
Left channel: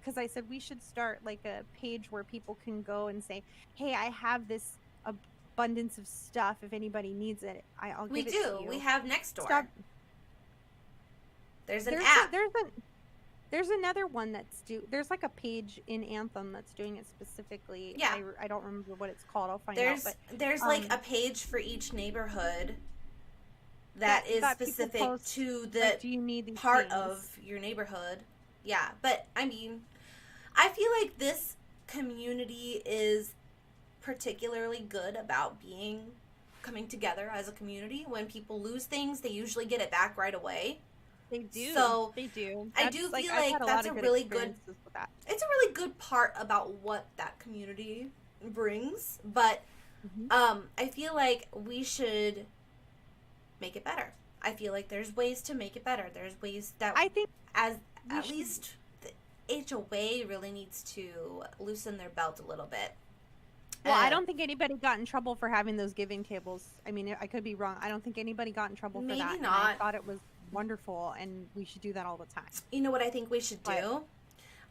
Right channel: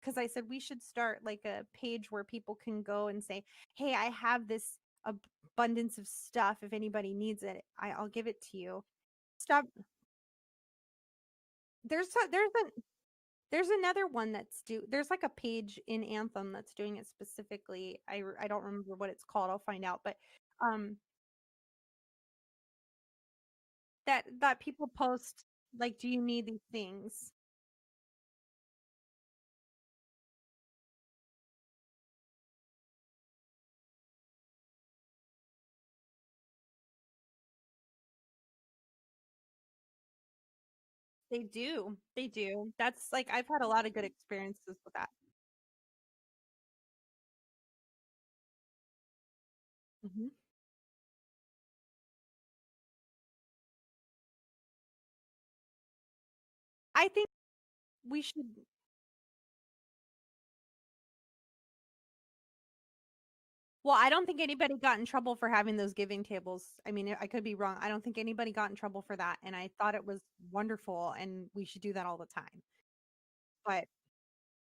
because I said we should start like a page where people can go and say, hey, I have this abundance of stuff. If anybody needs it, I'll give it to you. We have next door. Stop. There's an app. There's another one there's like a page in Anthem that's doing it specifically. Yeah. I don't remember what it's called. I'll find out. But there's like a page for each neighborhood that is specific to the like, do you need these part things? of your neighborhood. Yeah, but I mean, I feel like this community is particularly good about coming together as a community. When people lose things, they usually get it back right away. They do. So they do. I do feel like I've had a lot of good really experiences with that. It's a really good part about what that community brings, but I feel like we should make it better. I feel like there's ways to make it better. There's ways that I think at least the HOA really needs to loosen their belt a little bit. Well, I don't think anybody got in trouble for having those giving tables. I mean, I could be wrong. I don't think anybody got in trouble for that. Not. And I thought it was wonderful, and we should do that all the time. You know what I think we should do?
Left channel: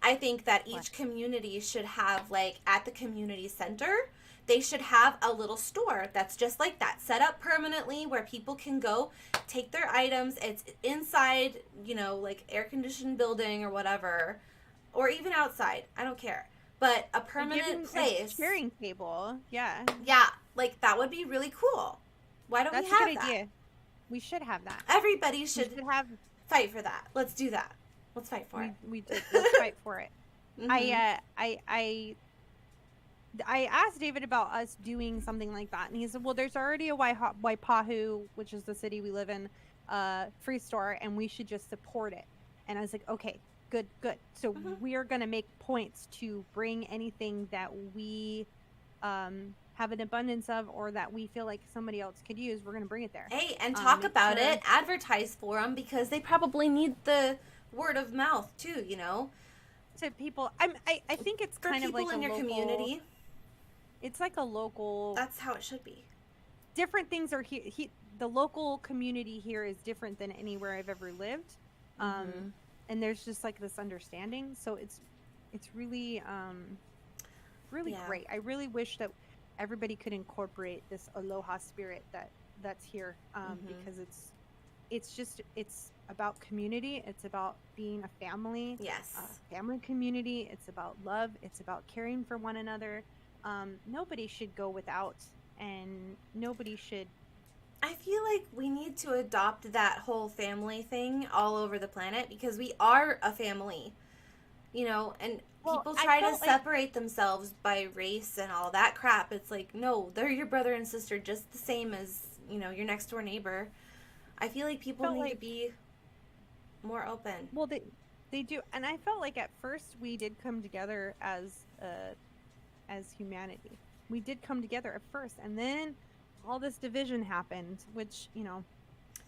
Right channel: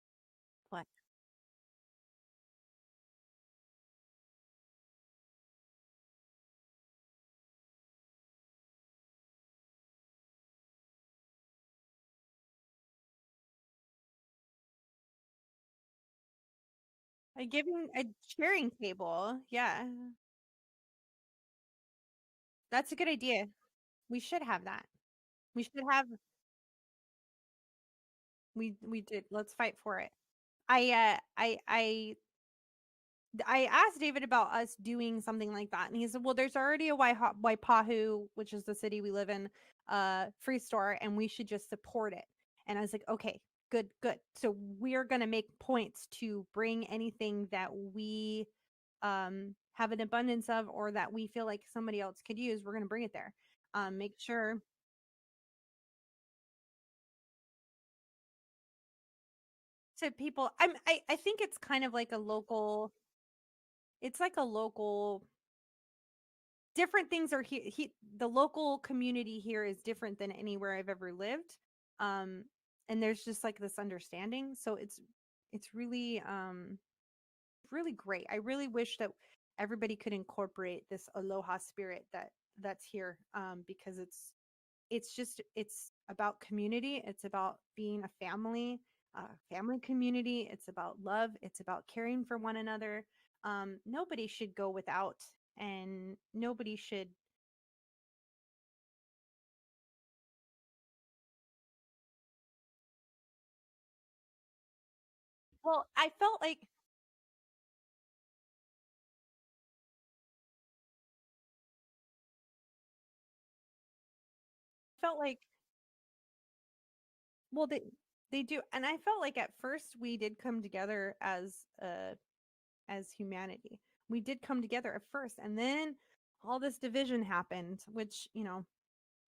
I think that each community should have, like, at the community center, they should have a little store that's just like that, set up permanently where people can go take their items. It's inside, like air-conditioned building or whatever, or even outside. I don't care. But a permanent place. A sharing table. Yeah. Yeah, like that would be really cool. Why don't we have that? That's a good idea. We should have that. Everybody should have fight for that. Let's do that. Let's fight for it. We did. Let's fight for it. Mm-hmm. I asked David about us doing something like that, and he said, well, there's already a Waipahu, which is the city we live in, free store, and we should just support it. And I was like, okay, good. So we're going to make points to bring anything that we have an abundance of, or that we feel like somebody else could use. We're going to bring it there. Hey, and talk about it, advertise for them, because they probably need the word of mouth too, to people. I think it's kind of like a local community. It's like a local. That's how it should be. Different things are here. The local community here is different than anywhere I've ever lived, and there's just like this understanding. So it's really great. I really wish that everybody could incorporate this aloha spirit that's here, because it's about community. It's about being a family. Yes. Family community. It's about love. It's about caring for one another. Nobody should go without and nobody should. I feel like we need to adopt that whole family thing all over the planet because we are a family, and Well, people I try to felt like separate themselves by race and all that crap. It's like, no, they're your brother and sister just the same as, your next door neighbor. I feel like people felt need to like be more open. well they do, and I felt like at first we did come together as humanity. We did come together at first, and then all this division happened, which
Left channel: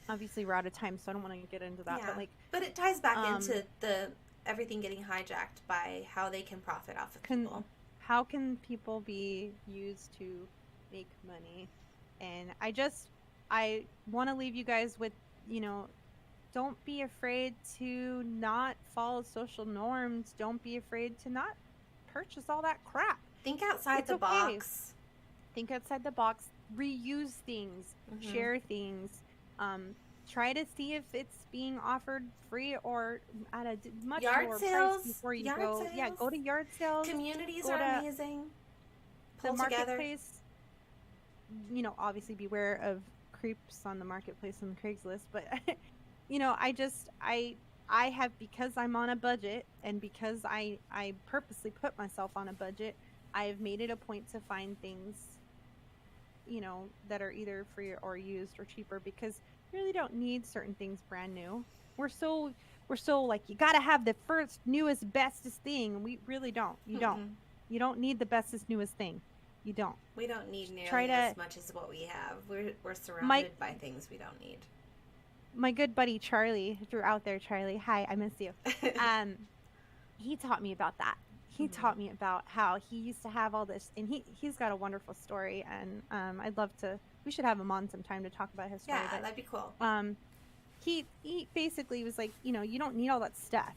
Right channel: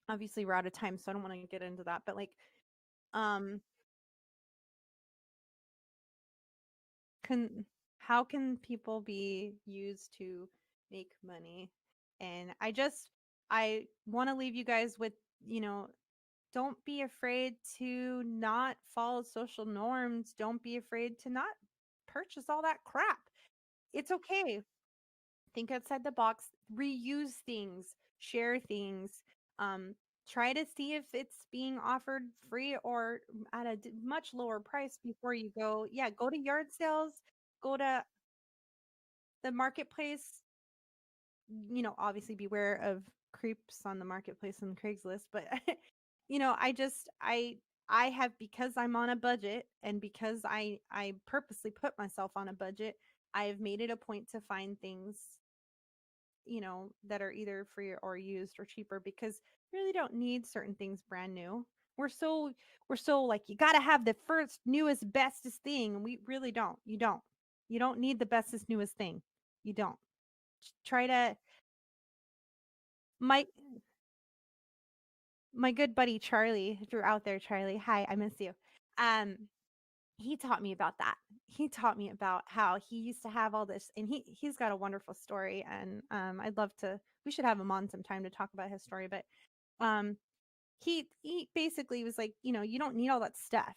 obviously we're out of time, so I don't want to get into that. Yeah. But it ties back into the everything getting hijacked by how they can profit off of people. How can people be used to make money? And I want to leave you guys with, don't be afraid to not follow social norms. Don't be afraid to not purchase all that crap. Think outside It's the okay. box. Think outside the box. Reuse things. Share things. Try to see if it's being offered free or at a much lower price before you go. Yeah, go to yard sales. Communities are amazing. The marketplace. Obviously beware of creeps on the marketplace and Craigslist, but I have, because I'm on a budget and because I purposely put myself on a budget, I have made it a point to find things that are either free or used or cheaper, because you really don't need certain things brand new. We're so like, you got to have the first newest bestest thing. We really don't. You don't need the bestest newest thing. You don't. We don't need nearly as much as what we have. We're surrounded by things we don't need. My good buddy Charlie, if you're out there, Charlie, hi, I miss you. He taught me about that. He taught me about how he used to have all this, and he's got a wonderful story, and I'd love to. We should have him on sometime to talk about his story. Yeah, but that'd be cool. He basically was like, you don't need all that stuff.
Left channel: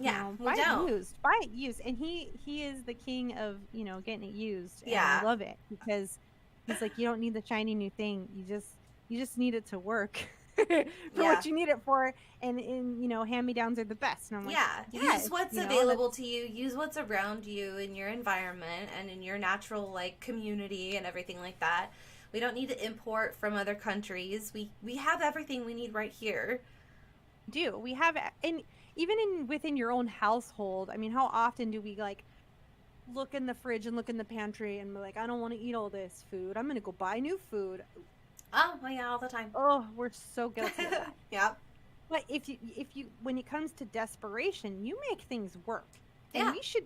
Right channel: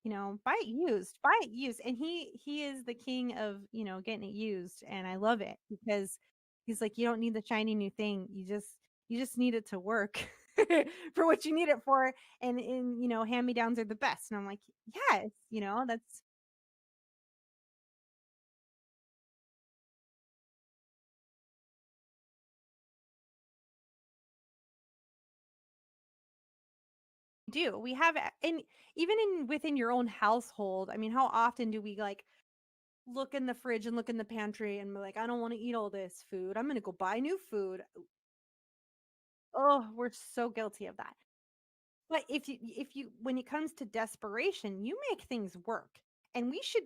Yeah, buy it used, and he is the king of getting it used, and I love it, because he's like, you don't need the shiny new thing. You just need it to work. For what you need it for, and hand-me-downs are the best. And I'm like, use what's available to you, use what's around you in your environment and in your natural community and everything like that. We don't need to import from other countries. We have everything we need right here. We have, and even within your own household, I mean, how often do we look in the fridge and look in the pantry and be like, I don't want to eat all this food, I'm gonna go buy new food. Oh, yeah, all the time. Oh, we're so guilty of that. Yep. But if you, when it comes to desperation, you make things work. And we should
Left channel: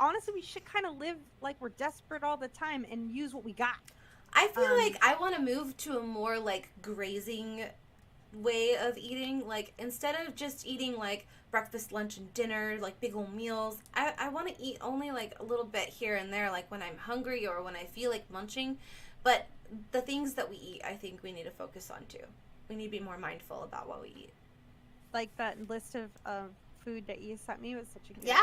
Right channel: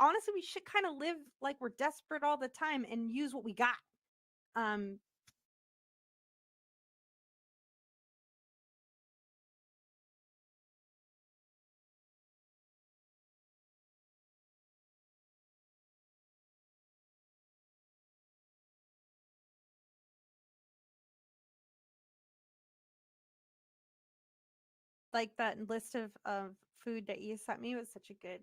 honestly, we should kind of live like we're desperate all the time and use what we got. I feel like I want to move to a more grazing way of eating. Instead of just eating breakfast, lunch, and dinner, big old meals, I want to eat only a little bit here and there, when I'm hungry or when I feel like munching. But the things that we eat, I think we need to focus on too. We need to be more mindful about what we eat. That list of food that you sent me was such a good.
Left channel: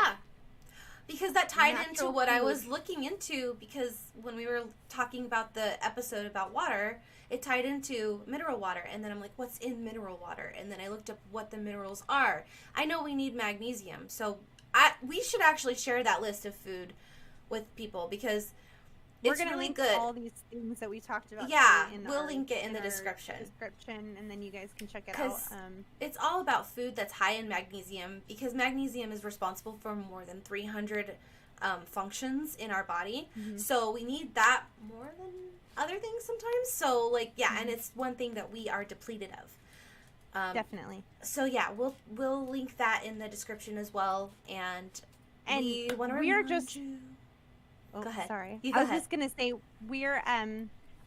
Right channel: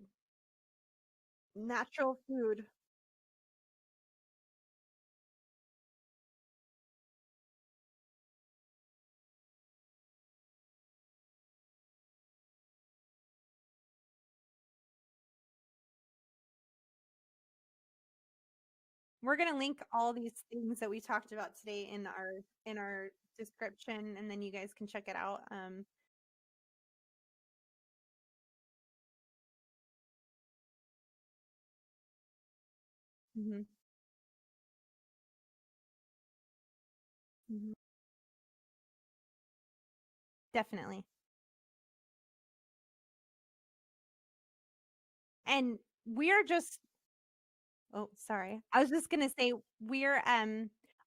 Because that tied into what I was looking into, because when we were talking about the episode about water, it tied into mineral water. And then I'm like, what's in mineral water? And then I looked up what the minerals are. I know we need magnesium. So we should actually share that list of food with people, because we're going to link all these things that we talked about. Yeah, we'll link it in the description. And then you guys can check it out. It's all about food that's high in magnesium, because magnesium is responsible for more than 300 functions in our body. Mm-hmm. So we need that more than other things sometimes. So and it's one thing that we are depleted of. Definitely. So we'll link that in the description as well. And we are just... Oh, sorry. I was just going to say, we're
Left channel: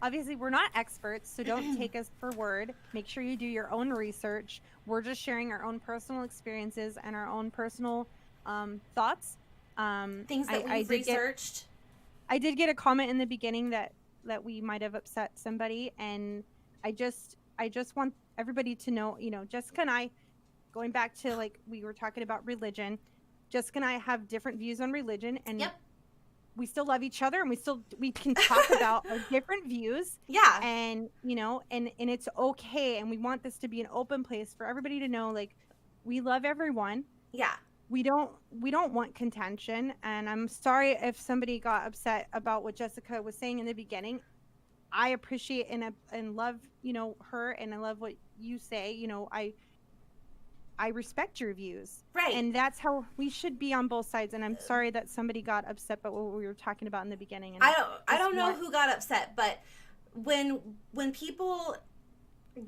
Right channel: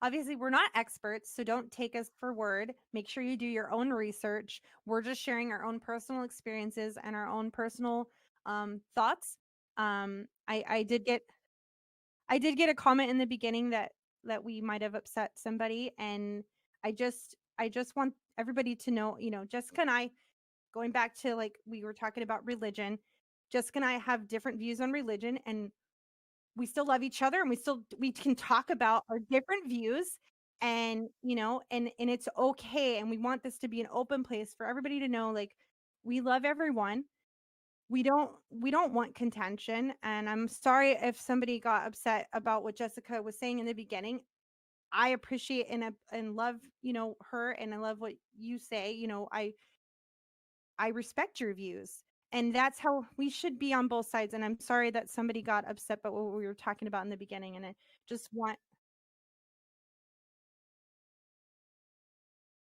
obviously we're not experts, so don't take us for word. Make sure you do your own research. We're just sharing our own personal experiences and our own personal thoughts. Things that we've researched. I did get a comment in the beginning that we might have upset somebody, and I just want everybody to know, Jessica and I, going back to we were talking about religion, Jessica and I have different views on religion, and we still love each other, and we can talk about our different views. Yeah. And, and it's okay. And we want this to be an open place for everybody to know, we love everyone. Yeah. We don't want contention. And I'm sorry if somebody got upset about what Jessica was saying in the beginning. I appreciate and love, her, and I love what you say. I respect your views. Right. And that's how we should be on both sides. And I'm sorry that somebody got upset about what we were talking about in the beginning. And I don't know who got upset, but when people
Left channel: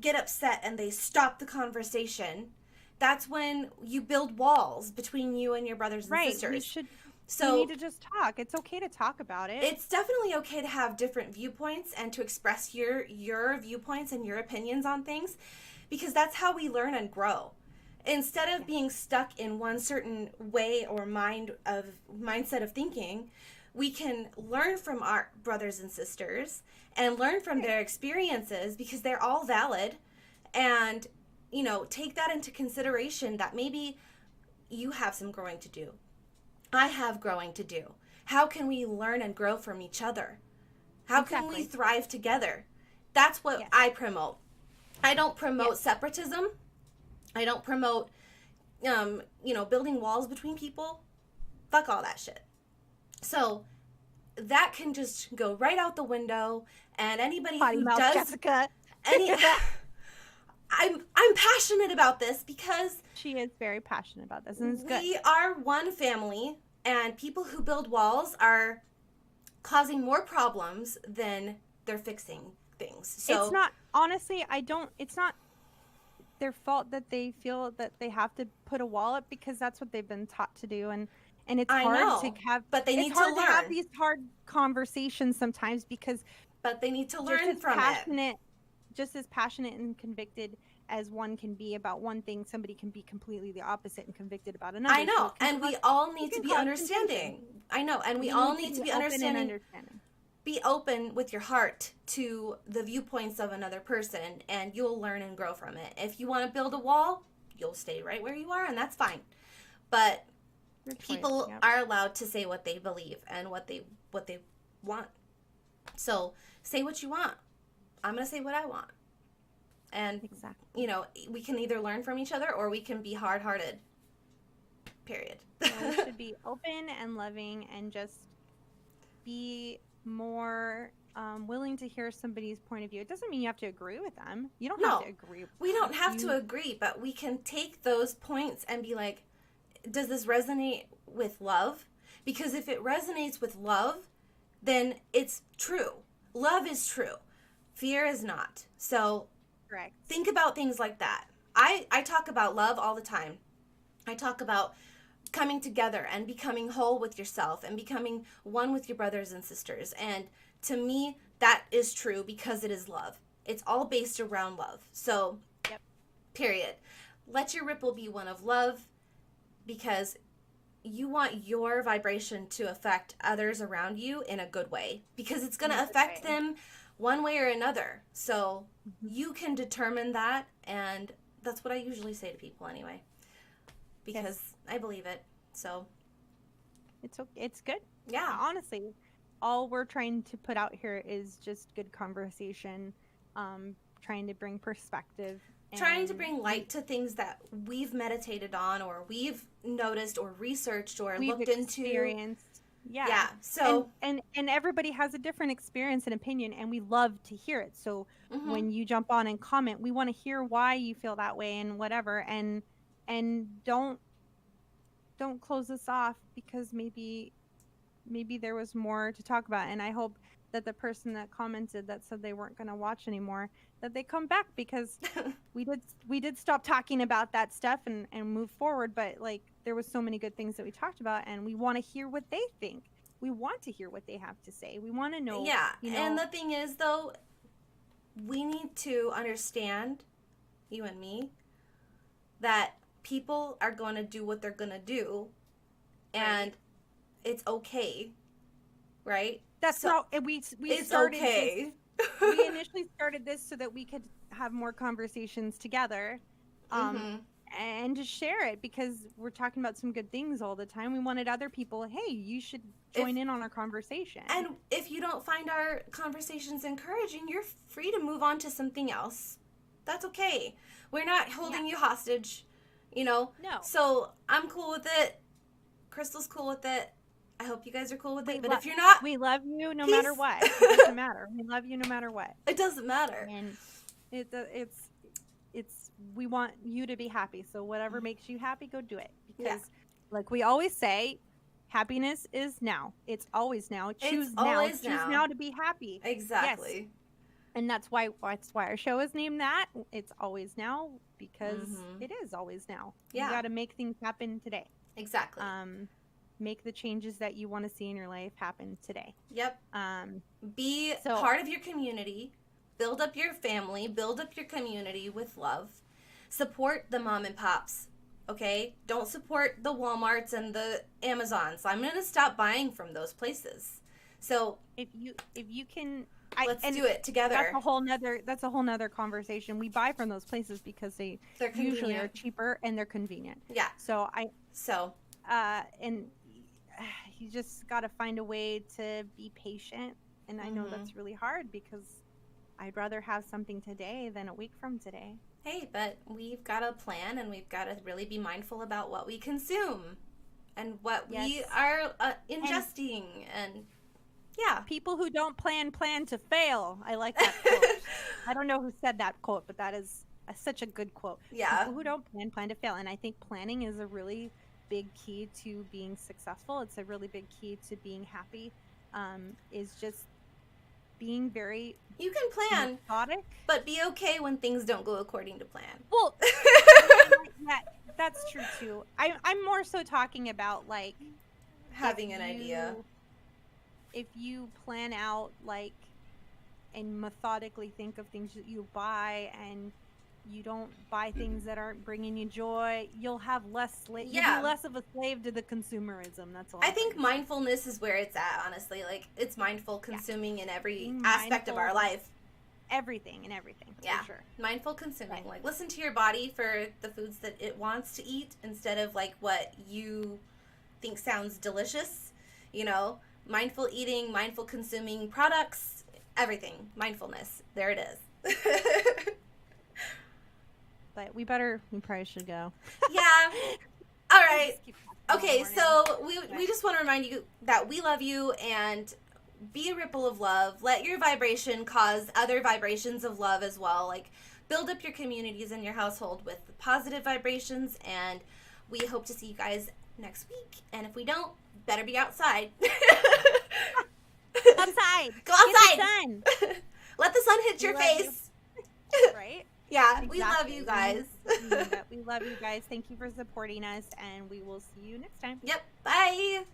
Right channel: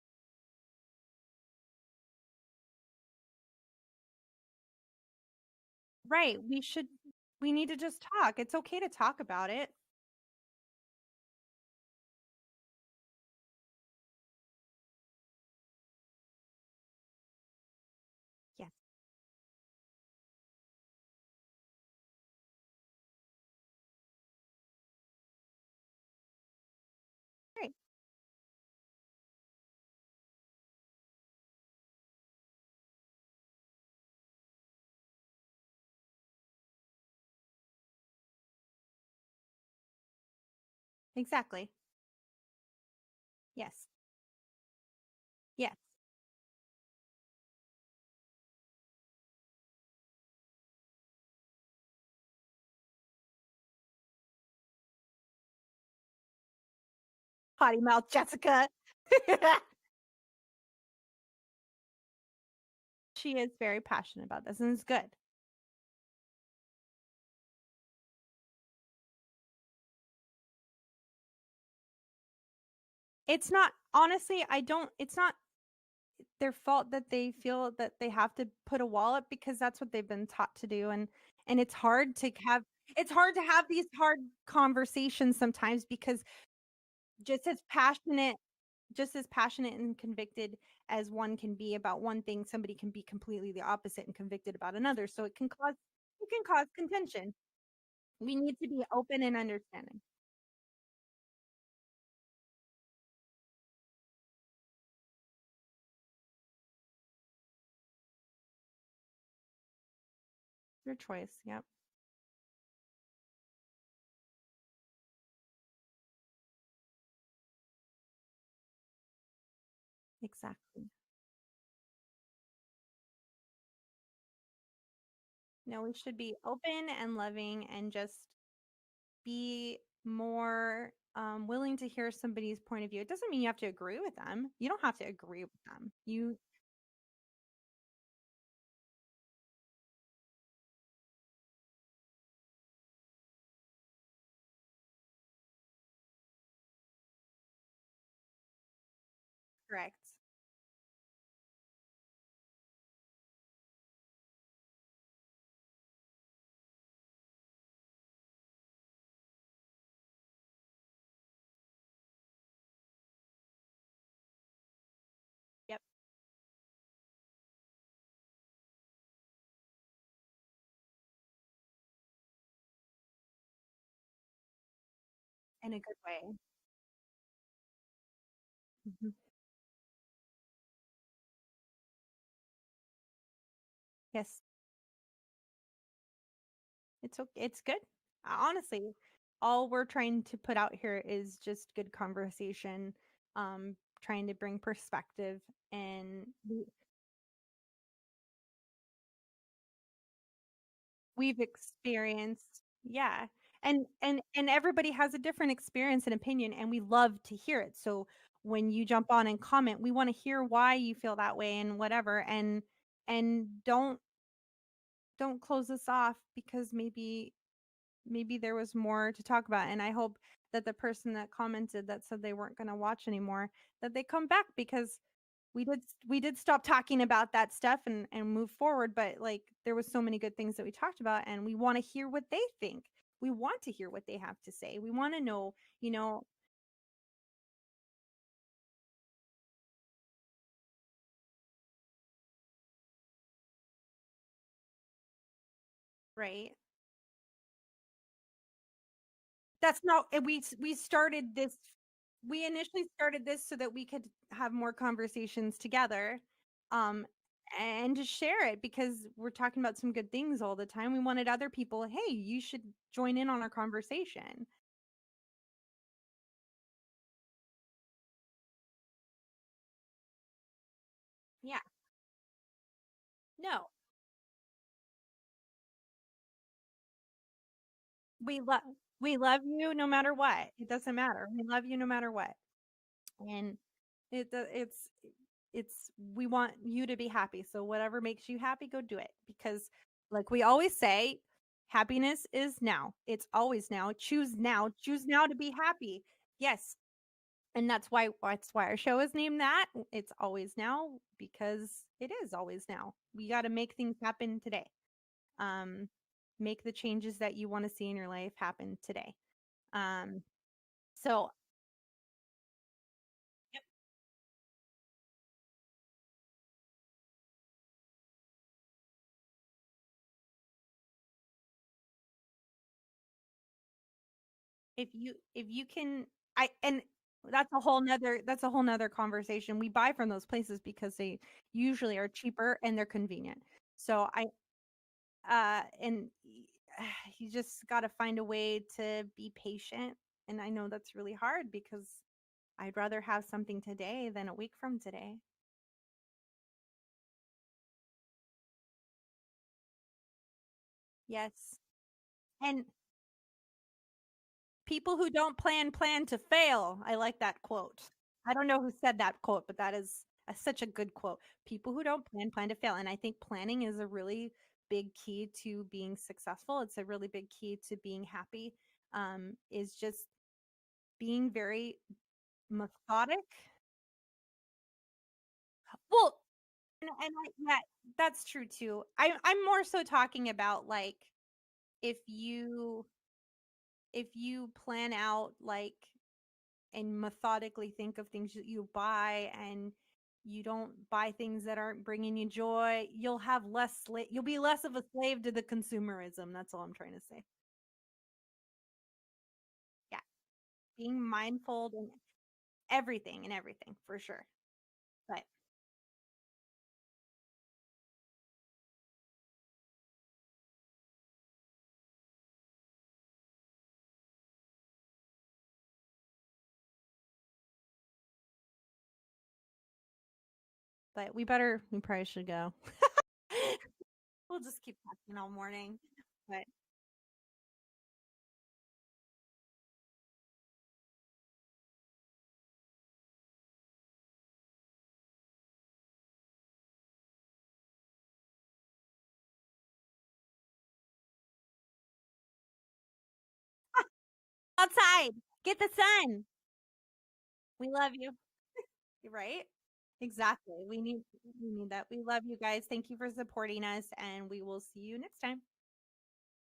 get upset and they stop the conversation, that's when you build walls between you and your brothers and sisters. We need to just talk. It's okay to talk about it. It's definitely okay to have different viewpoints and to express your viewpoints and your opinions on things, because that's how we learn and grow. Instead of being stuck in one certain way or mindset of thinking, we can learn from our brothers and sisters and learn from their experiences, because they're all valid, and take that into consideration, that maybe you have some growing to do. I have growing to do. How can we learn and grow from each other? How can we thrive together? That's what I promote. I don't promote separatism. I don't promote, building walls between people. Fuck all that shit. So that can just go right out the window, and anybody Potty who mouth does, Jessica. I'm passionate about this, because she is very passionate about this, and it's good. We are one family, and people who build walls are causing more problems than they're fixing things. So it's not their fault that they feel that they have to put a wall up, because that's what they've been taught to do, and it's hard to have, but they need it's hard to to have these hard conversations sometimes, because but they need to learn from it. Just as passionate and convicted as one can be about one thing, somebody can be completely the opposite and convicted about another. I know, and we all need to be understanding. I know, and we all need to be open and understanding. Be open with your heart to the viewpoints of another person, and you'll learn and grow from it. If you want to build a wall, you'll stay right where you are, and that's fine. But people are allowed to say what they believe and what they want. So say what you want. I'm going to say what I want. And, we can either learn from each other, or we can be hard-hearted. Period. We should be open and loving, and just be more willing to hear somebody's point of view. It doesn't mean you have to agree with them. You don't have to agree with them. We don't have to agree, but we can take those points and be like, does this resonate with love? Because if it resonates with love, then it's true. Love is true. Fear is not. So correct. Think about things like that. I talk about love all the time. I talk about coming together and becoming whole with yourself and becoming one with your brothers and sisters. And to me, that is true, because it is love. It's all based around love. So, period. Let your ripple be one of love, because you want your vibration to affect others around you in a good way, because it's going to affect them one way or another. So you can determine that, and that's what I usually say to people anyway, because I believe it. So it's good. Yeah. Honestly, all we're trying to put out here is just good conversation, trying to bring perspective. Trying to bring light to things that we've meditated on, or we've noticed, or researched, or we've looked experienced. Yeah. So and everybody has a different experience and opinion, and we love to hear it. So when you jump on and comment, we want to hear why you feel that way and whatever. And don't close us off, because maybe there was more to talk about. And I hope that the person that commented that said they weren't going to watch anymore, that they come back, because we did stop talking about that stuff and move forward. But like, there was so many good things that we talked about, and we want to hear what they think. We want to hear what they have to say. We want to know. Yeah. And the thing is, though, we need to understand, you and me, that people are going to do what they're going to do, and it's okay, right? That's not. We started this. We initially started this so that we could have more conversations together, and to share it, because we're talking about some good things all the time. We wanted other people, hey, you should join in on our conversation. And if you don't find our conversations encouraging, you're free to move on to something else. That's okay. We're not holding you hostage, No. So I'm cool with it. Crystal's cool with it. I hope you guys are cool with We it. But if you're not, we love you no peace. matter what. It doesn't matter. We love you no matter what. It doesn't matter. And it's we want you to be happy. So whatever makes you happy, go do it. Because like we always say, happiness is now. It's always now. Choose now. Choose now to be happy. Exactly. Yes. And that's why our show is named that. It's always now because it is always now. Yeah. You got to make things happen today. Exactly. Make the changes that you want to see in your life happen today. Yep. Be part of your community. Build up your family. Build up your community with love. Support the mom and pops. Okay? Don't support the Walmarts and the Amazons. I'm going to stop buying from those places. So if you can, let's do it together. That's a whole nother conversation. We buy from those places because they're usually are cheaper and they're convenient. Yeah. And you just got to find a way to be patient. And I know that's really hard because I'd rather have something today than a week from today. Hey, but we've got a plan and we've got to really be mindful about what we consume and what we are ingesting. And yeah. People who don't plan to fail. I like that quote. I don't know who said that quote, but that is such a good quote. Yeah. People who don't plan to fail. And I think planning is a really big key to being successful. It's a really big key to being happy. Is just being very methodic, but be okay when things don't go according to plan. Well, that's true too. I'm more so talking about like having an idea. If you plan out and methodically think of things that you buy and you don't buy things that aren't bringing you joy, you'll have you'll be less of a slave to the consumerism. That's all. I think mindfulness is where it's at, honestly. Like, it's mindful consuming in every aspect of our life. Everything, yeah, for sure. Mindful consuming. Right. Like, listen to your body for the foods that it wants to eat instead of, like, what you think sounds delicious. You know, mindful eating, mindful consuming products, everything. Mindfulness. There it is. But we probably should go. Yeah. All right. Okay, so we just want to remind you that we love you and be a ripple of love. Let your vibration cause other vibrations of love as well. Like, build up your communities in your household with positive vibrations, and we hope to see you guys next week. And if we don't, better be outside. Outside. Go outside. Get the sun. Let the sun hit your face. Right? Yeah, exactly. We love you guys. We love you guys. Thank you for supporting us, and we will see you next time. Yep. Bye.